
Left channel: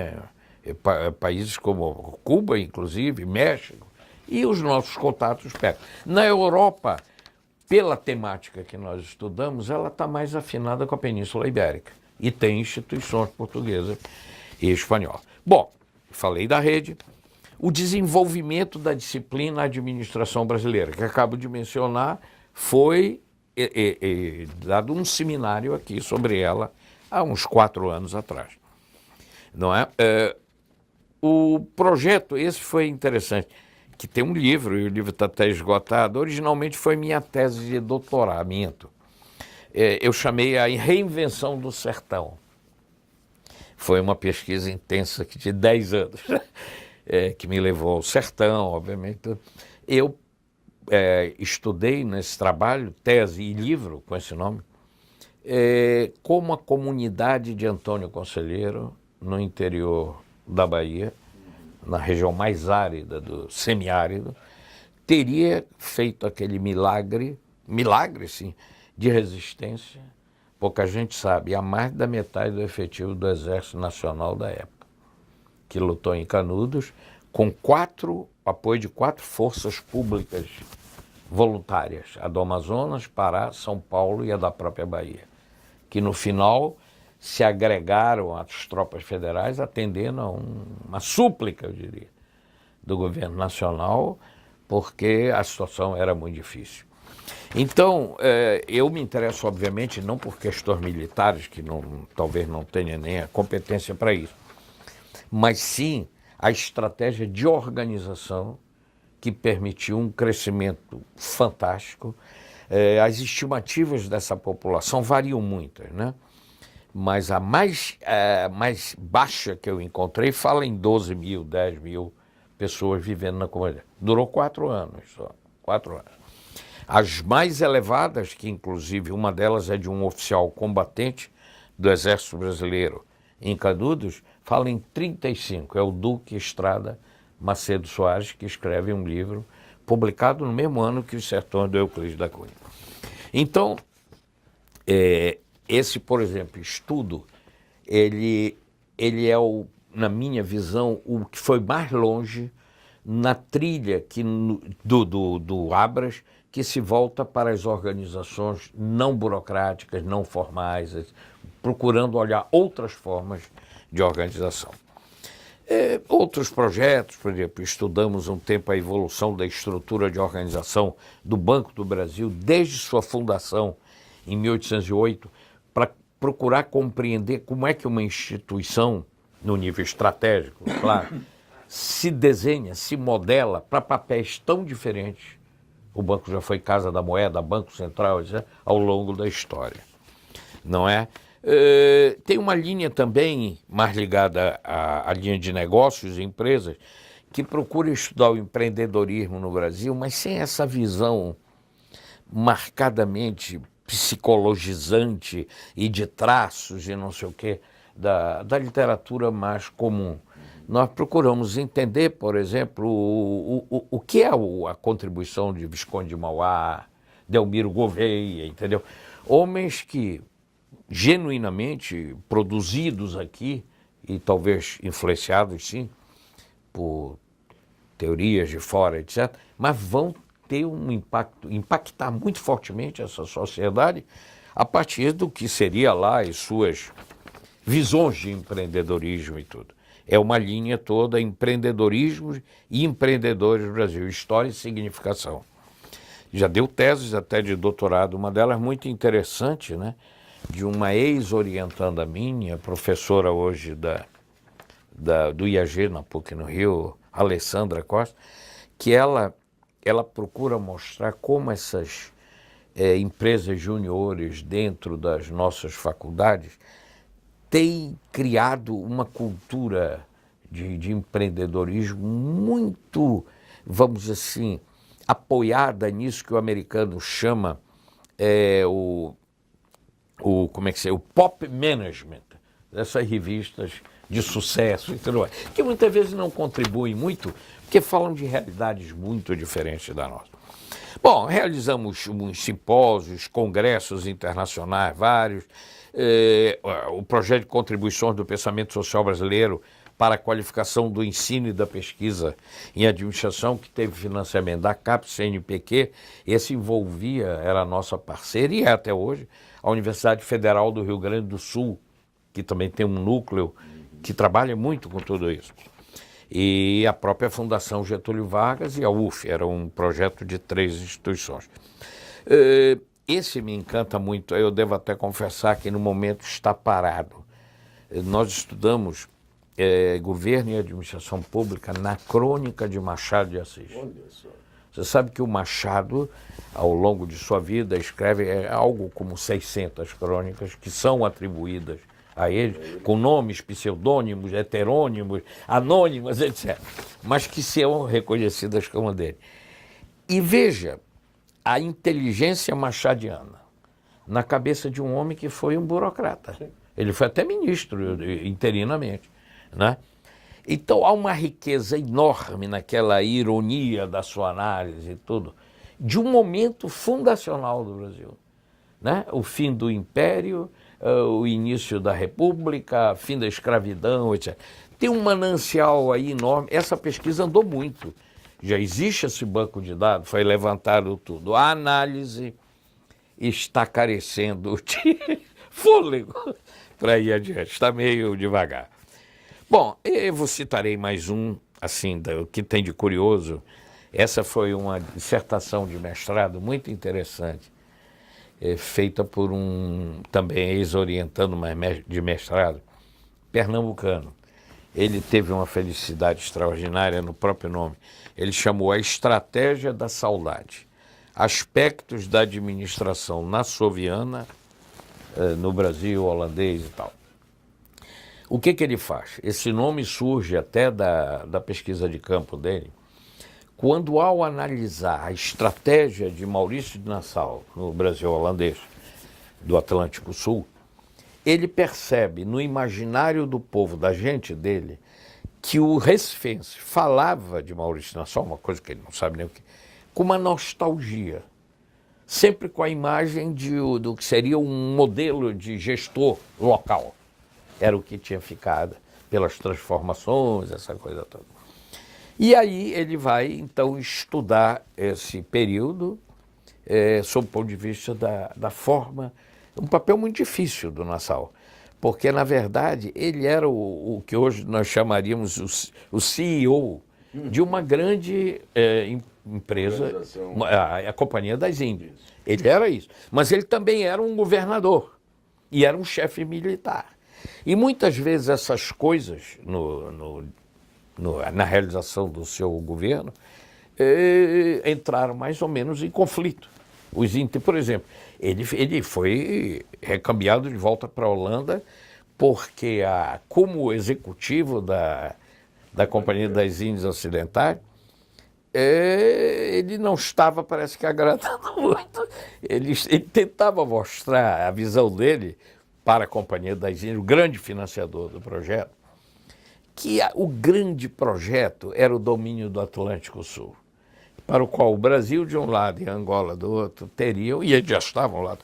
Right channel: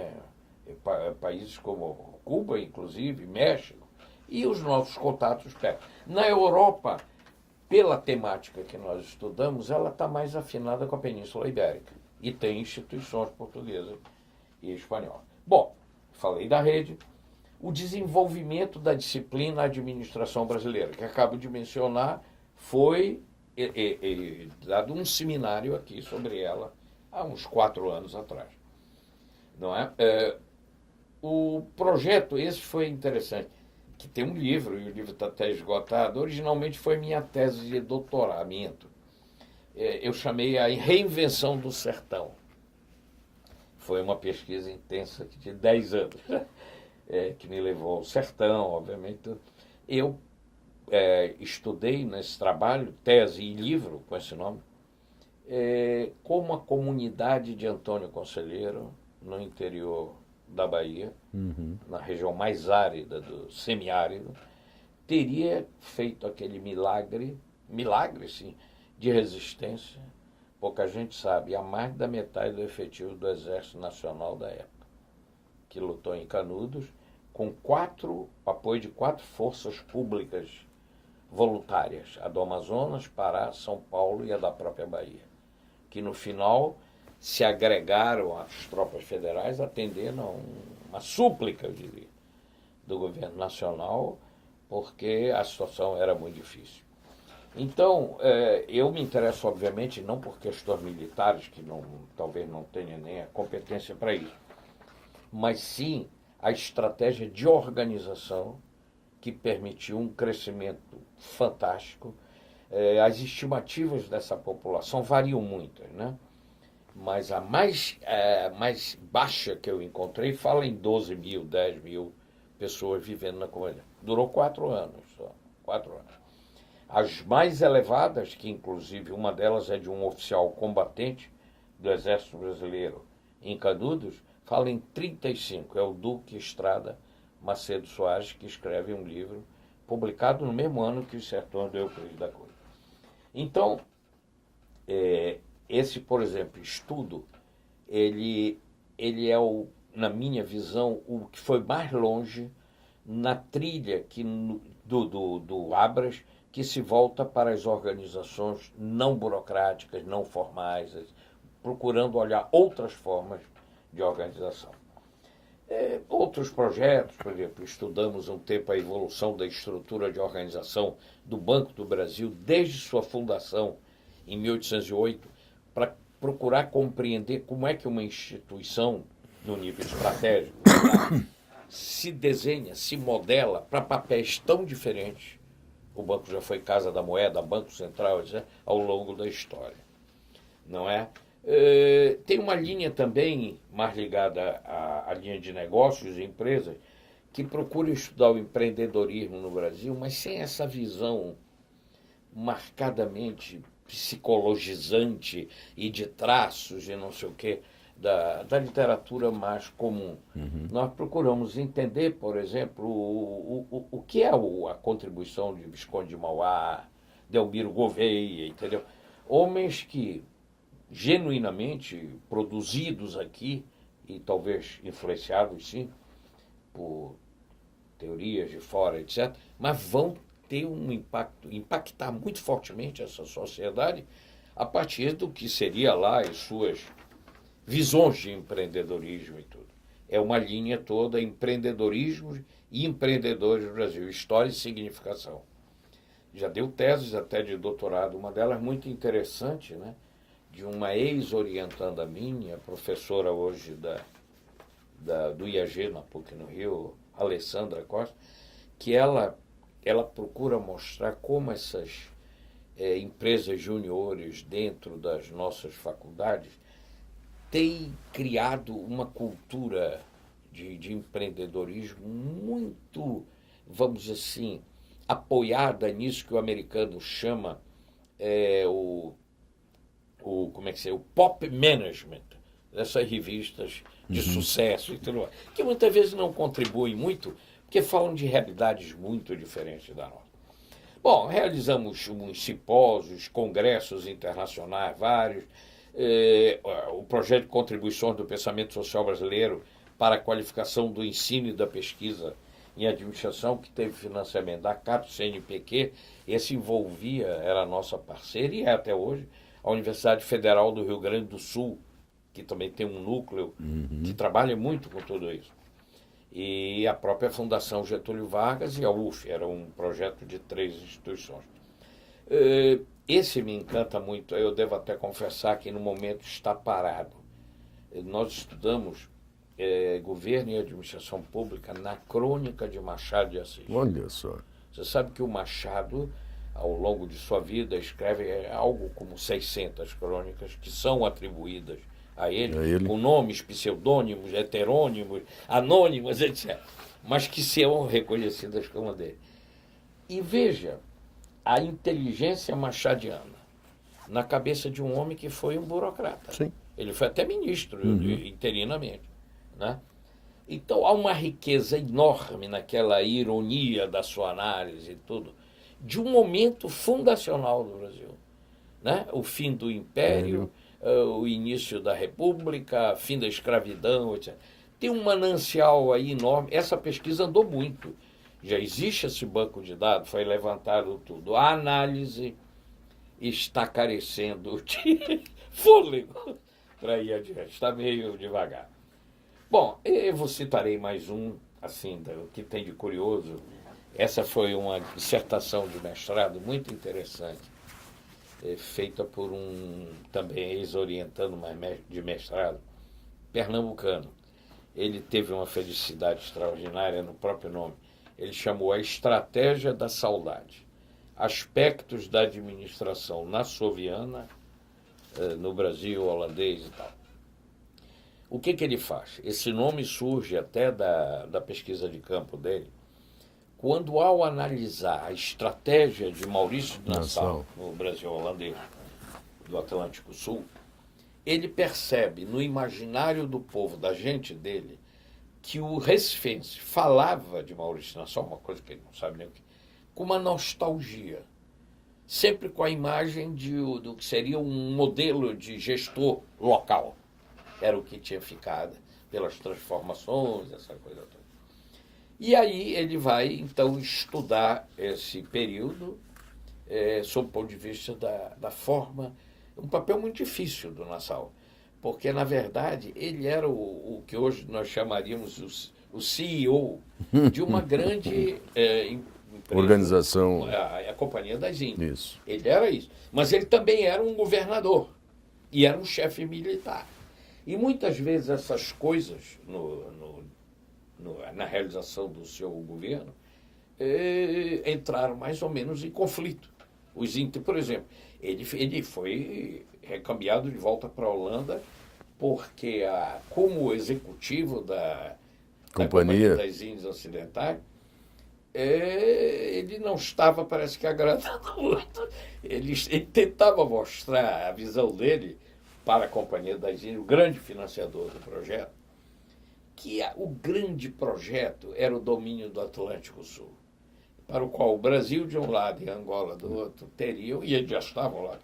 países como Cuba, inclusive, México, e os nossos contatos perto. Na Europa, pela temática que nós estudamos, ela está mais afinada com a Península Ibérica. E tem instituições portuguesas e espanholas. Bom, falei da rede. O desenvolvimento da disciplina administração brasileira, que acabo de mencionar, foi dado um seminário aqui sobre ela há uns 4 anos atrás. Não é? O projeto, esse foi interessante, que tem um livro, e o livro está até esgotado. Originalmente foi minha tese de doutoramento. Eu chamei a Reinvenção do Sertão. Foi uma pesquisa intensa de 10 anos, que me levou ao sertão, obviamente. Eu estudei nesse trabalho, tese e livro com esse nome, como a comunidade de Antônio Conselheiro, no interior da Bahia, na região mais árida, do semiárido, teria feito aquele milagre, sim, de resistência, pouca gente sabe, a mais da metade do efetivo do Exército Nacional da época, que lutou em Canudos, com apoio de 4 forças públicas voluntárias, a do Amazonas, Pará, São Paulo e a da própria Bahia, que no final se agregaram às tropas federais, atendendo a uma súplica, eu diria, do governo nacional, porque a situação era muito difícil. Então, eu me interesso, obviamente, não por questões militares, que talvez não tenha nem a competência para isso, mas sim a estratégia de organização que permitiu um crescimento fantástico. As estimativas dessa população variam muito, né? Mas a mais baixa que eu encontrei fala em 12 mil, 10 mil pessoas vivendo na comunidade. Durou 4 anos só, 4 anos. As mais elevadas, que inclusive uma delas é de um oficial combatente do Exército Brasileiro em Canudos, fala em 35. É o Duque Estrada Macedo Soares, que escreve um livro publicado no mesmo ano que Os Sertões do Euclides da Cunha. Então, esse, por exemplo, estudo, ele é, na minha visão, o que foi mais longe na trilha do Abras, que se volta para as organizações não burocráticas, não formais, procurando olhar outras formas de organização. Outros projetos, por exemplo, estudamos um tempo a evolução da estrutura de organização do Banco do Brasil, desde sua fundação em 1808, para procurar compreender como é que uma instituição, no nível estratégico, claro, se desenha, se modela para papéis tão diferentes. O banco já foi Casa da Moeda, Banco Central, etc., ao longo da história. Não é? Tem uma linha também mais ligada à linha de negócios e empresas que procura estudar o empreendedorismo no Brasil, mas sem essa visão marcadamente psicologizante e de traços e não sei o quê da literatura mais comum. Nós procuramos entender, por exemplo, o que é a contribuição de Visconde de Mauá, Delmiro Gouveia, entendeu? Homens que genuinamente produzidos aqui, e talvez influenciados, sim, por teorias de fora, etc., mas vão ter um impactar muito fortemente essa sociedade a partir do que seria lá as suas visões de empreendedorismo e tudo. É uma linha toda, empreendedorismo e empreendedores do Brasil, história e significação. Já deu teses até de doutorado, uma delas muito interessante, né? De uma ex-orientanda minha, professora hoje do IAG, na PUC no Rio, Alessandra Costa, que ela procura mostrar como essas empresas juniores dentro das nossas faculdades têm criado uma cultura de empreendedorismo muito, vamos dizer assim, apoiada nisso que o americano chama o pop management, dessas revistas de sucesso e tudo mais, que muitas vezes não contribuem muito, porque falam de realidades muito diferentes da nossa. Bom, realizamos uns simpósios, congressos internacionais vários, o projeto de contribuições do pensamento social brasileiro para a qualificação do ensino e da pesquisa em administração, que teve financiamento da CAPES, CNPq, esse envolvia, era a nossa parceira e é até hoje, a Universidade Federal do Rio Grande do Sul, que também tem um núcleo que trabalha muito com tudo isso. E a própria Fundação Getúlio Vargas e a UF, era um projeto de 3 instituições. Esse me encanta muito, eu devo até confessar que no momento está parado. Nós estudamos governo e administração pública na crônica de Machado de Assis. Olha só. Você sabe que o Machado, ao longo de sua vida, escreve algo como 600 crônicas que são atribuídas a ele, com nomes, pseudônimos, heterônimos, anônimos, etc., mas que são reconhecidas como dele. E veja a inteligência machadiana na cabeça de um homem que foi um burocrata. Sim. Ele foi até ministro, interinamente, né? Então há uma riqueza enorme naquela ironia da sua análise e tudo, de um momento fundacional do Brasil, né? O fim do Império, o início da República, fim da escravidão, etc. Tem um manancial aí enorme. Essa pesquisa andou muito. Já existe esse banco de dados, foi levantado tudo. A análise está carecendo de fôlego para ir adiante, está meio devagar. Bom, eu citarei mais um, assim, o que tem de curioso. Essa foi uma dissertação de mestrado muito interessante, feita por também ex-orientando de mestrado, pernambucano. Ele teve uma felicidade extraordinária no próprio nome. Ele chamou A Estratégia da Saudade. Aspectos da administração nassauviana, no Brasil, holandês e tal. O que ele faz? Esse nome surge até da pesquisa de campo dele, quando ao analisar a estratégia de Maurício de Nassau no Brasil holandês, do Atlântico Sul, ele percebe no imaginário do povo, da gente dele, que o recifense falava de Maurício de Nassau, uma coisa que ele não sabe nem o que, com uma nostalgia, sempre com a imagem do que seria um modelo de gestor local. Era o que tinha ficado pelas transformações, essa coisa toda. E aí ele vai, então, estudar esse período sob o ponto de vista da forma, um papel muito difícil do Nassau, porque, na verdade, ele era o que hoje nós chamaríamos o CEO de uma grande empresa. Organização. A Companhia das Índias. Isso. Ele era isso. Mas ele também era um governador e era um chefe militar. E muitas vezes essas coisas, na realização do seu governo, entraram mais ou menos em conflito. Por exemplo, ele foi recambiado de volta para a Holanda porque, como executivo da Companhia das Índias Ocidentais, ele não estava, parece que, agradando muito. Ele tentava mostrar a visão dele para a Companhia das Índias, o grande financiador do projeto, que o grande projeto era o domínio do Atlântico Sul, para o qual o Brasil de um lado e a Angola do outro teriam, e eles já estavam lá,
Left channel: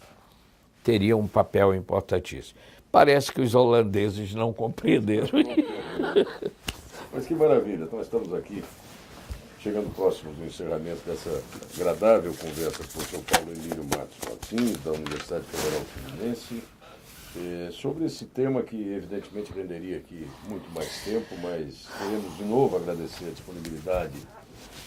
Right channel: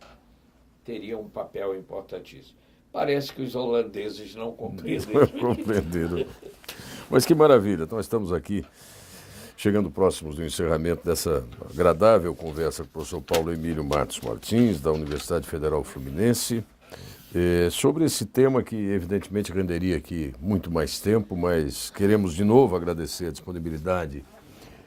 teriam um papel importantíssimo. Parece que os holandeses não compreenderam. Mas que maravilha, então estamos aqui, chegando próximos do encerramento dessa agradável conversa com o professor Paulo Emílio Matos Martins, da Universidade Federal Fluminense, sobre esse tema que evidentemente renderia aqui muito mais tempo, mas queremos de novo agradecer a disponibilidade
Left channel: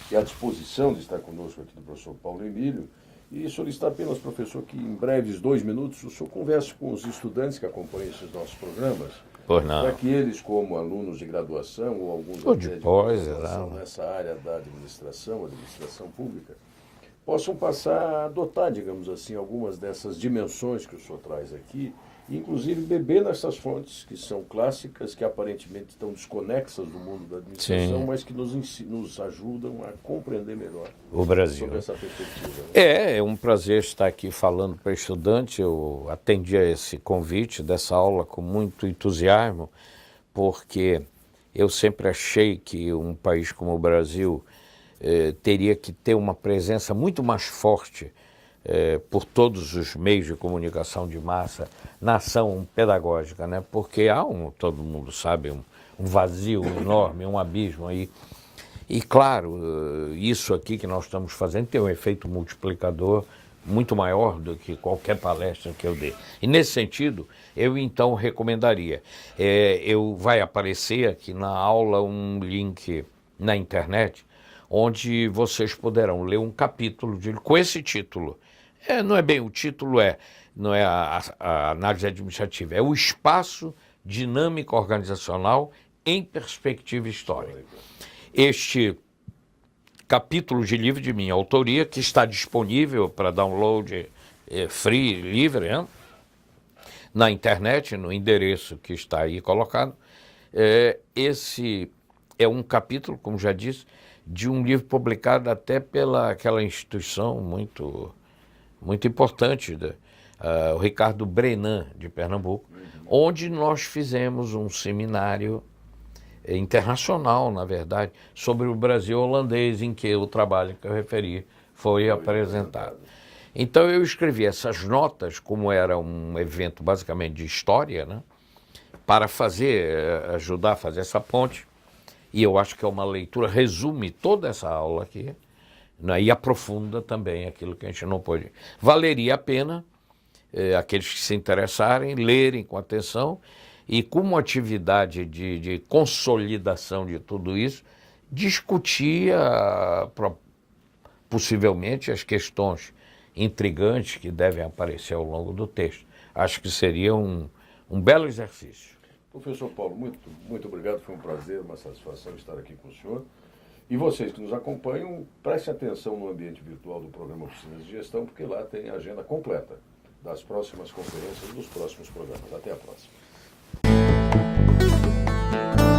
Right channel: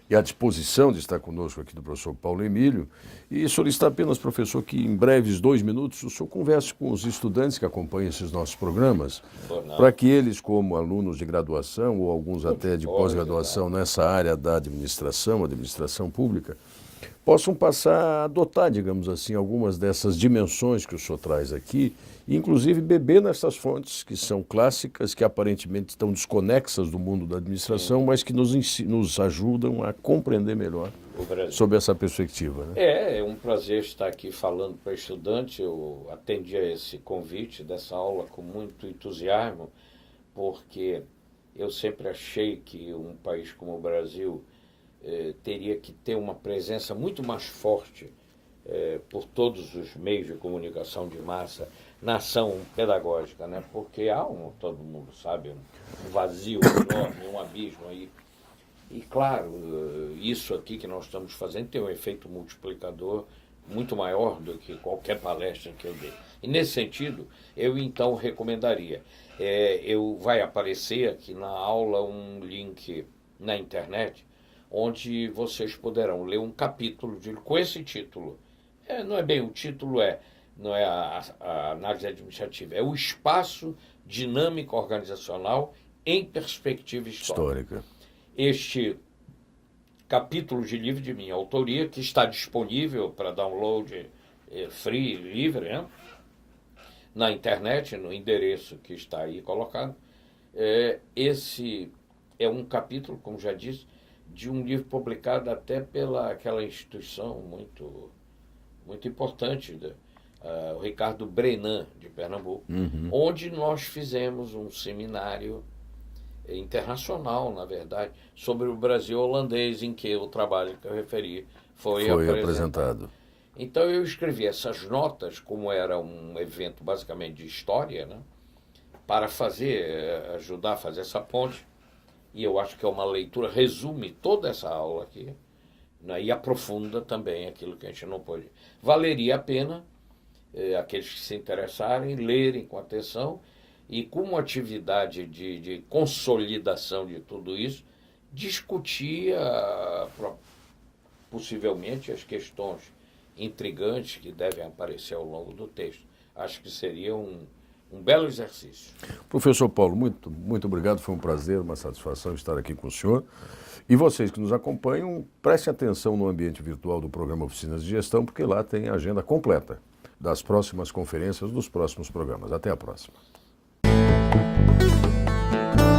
e a disposição de estar conosco aqui do professor Paulo Emílio e solicitar apenas, professor, que em breves 2 minutos o senhor converse com os estudantes que acompanham esses nossos programas, para que eles, como alunos de graduação ou alguns até de pós-graduação nessa área da administração pública, possam passar a adotar, digamos assim, algumas dessas dimensões que o senhor traz aqui, e inclusive beber nessas fontes que são clássicas, que aparentemente estão desconexas do mundo da administração, mas que nos ajudam a compreender melhor o Brasil sob essa perspectiva. Né? É um prazer estar aqui falando para estudante. Eu atendi a esse convite dessa aula com muito entusiasmo, porque eu sempre achei que um país como o Brasil teria que ter uma presença muito mais forte por todos os meios de comunicação de massa na ação pedagógica, né? Porque há todo mundo sabe, um vazio enorme, um abismo aí. E claro, isso aqui que nós estamos fazendo tem um efeito multiplicador muito maior do que qualquer palestra que eu dê. E nesse sentido, eu então recomendaria, vai aparecer aqui na aula um link na internet, onde vocês poderão ler um capítulo com esse título. Não é bem o título, não é a análise administrativa, é o espaço dinâmico organizacional em perspectiva histórica. Este capítulo de livro de minha autoria, que está disponível para download free, livre, na internet, no endereço que está aí colocado. Esse é um capítulo, como já disse, de um livro publicado até pela aquela instituição muito importante, o Ricardo Brenan, de Pernambuco, onde nós fizemos um seminário internacional, na verdade, sobre o Brasil holandês, em que o trabalho que eu referi foi apresentado. Então eu escrevi essas notas, como era um evento basicamente de história, né, para ajudar a fazer essa ponte, e eu acho que é uma leitura, resume toda essa aula aqui, né, e aprofunda também aquilo que a gente não pôde. Valeria a pena aqueles que se interessarem, lerem com atenção e, como atividade de consolidação de tudo isso, discutir possivelmente as questões intrigantes que devem aparecer ao longo do texto. Acho que seria um belo exercício. Professor Paulo, muito obrigado, foi um prazer, uma satisfação estar aqui com o senhor. E vocês que nos acompanham, prestem atenção no ambiente virtual do programa Oficinas de Gestão, porque lá tem a agenda completa das próximas conferências, dos próximos programas. Até a próxima. Obrigado.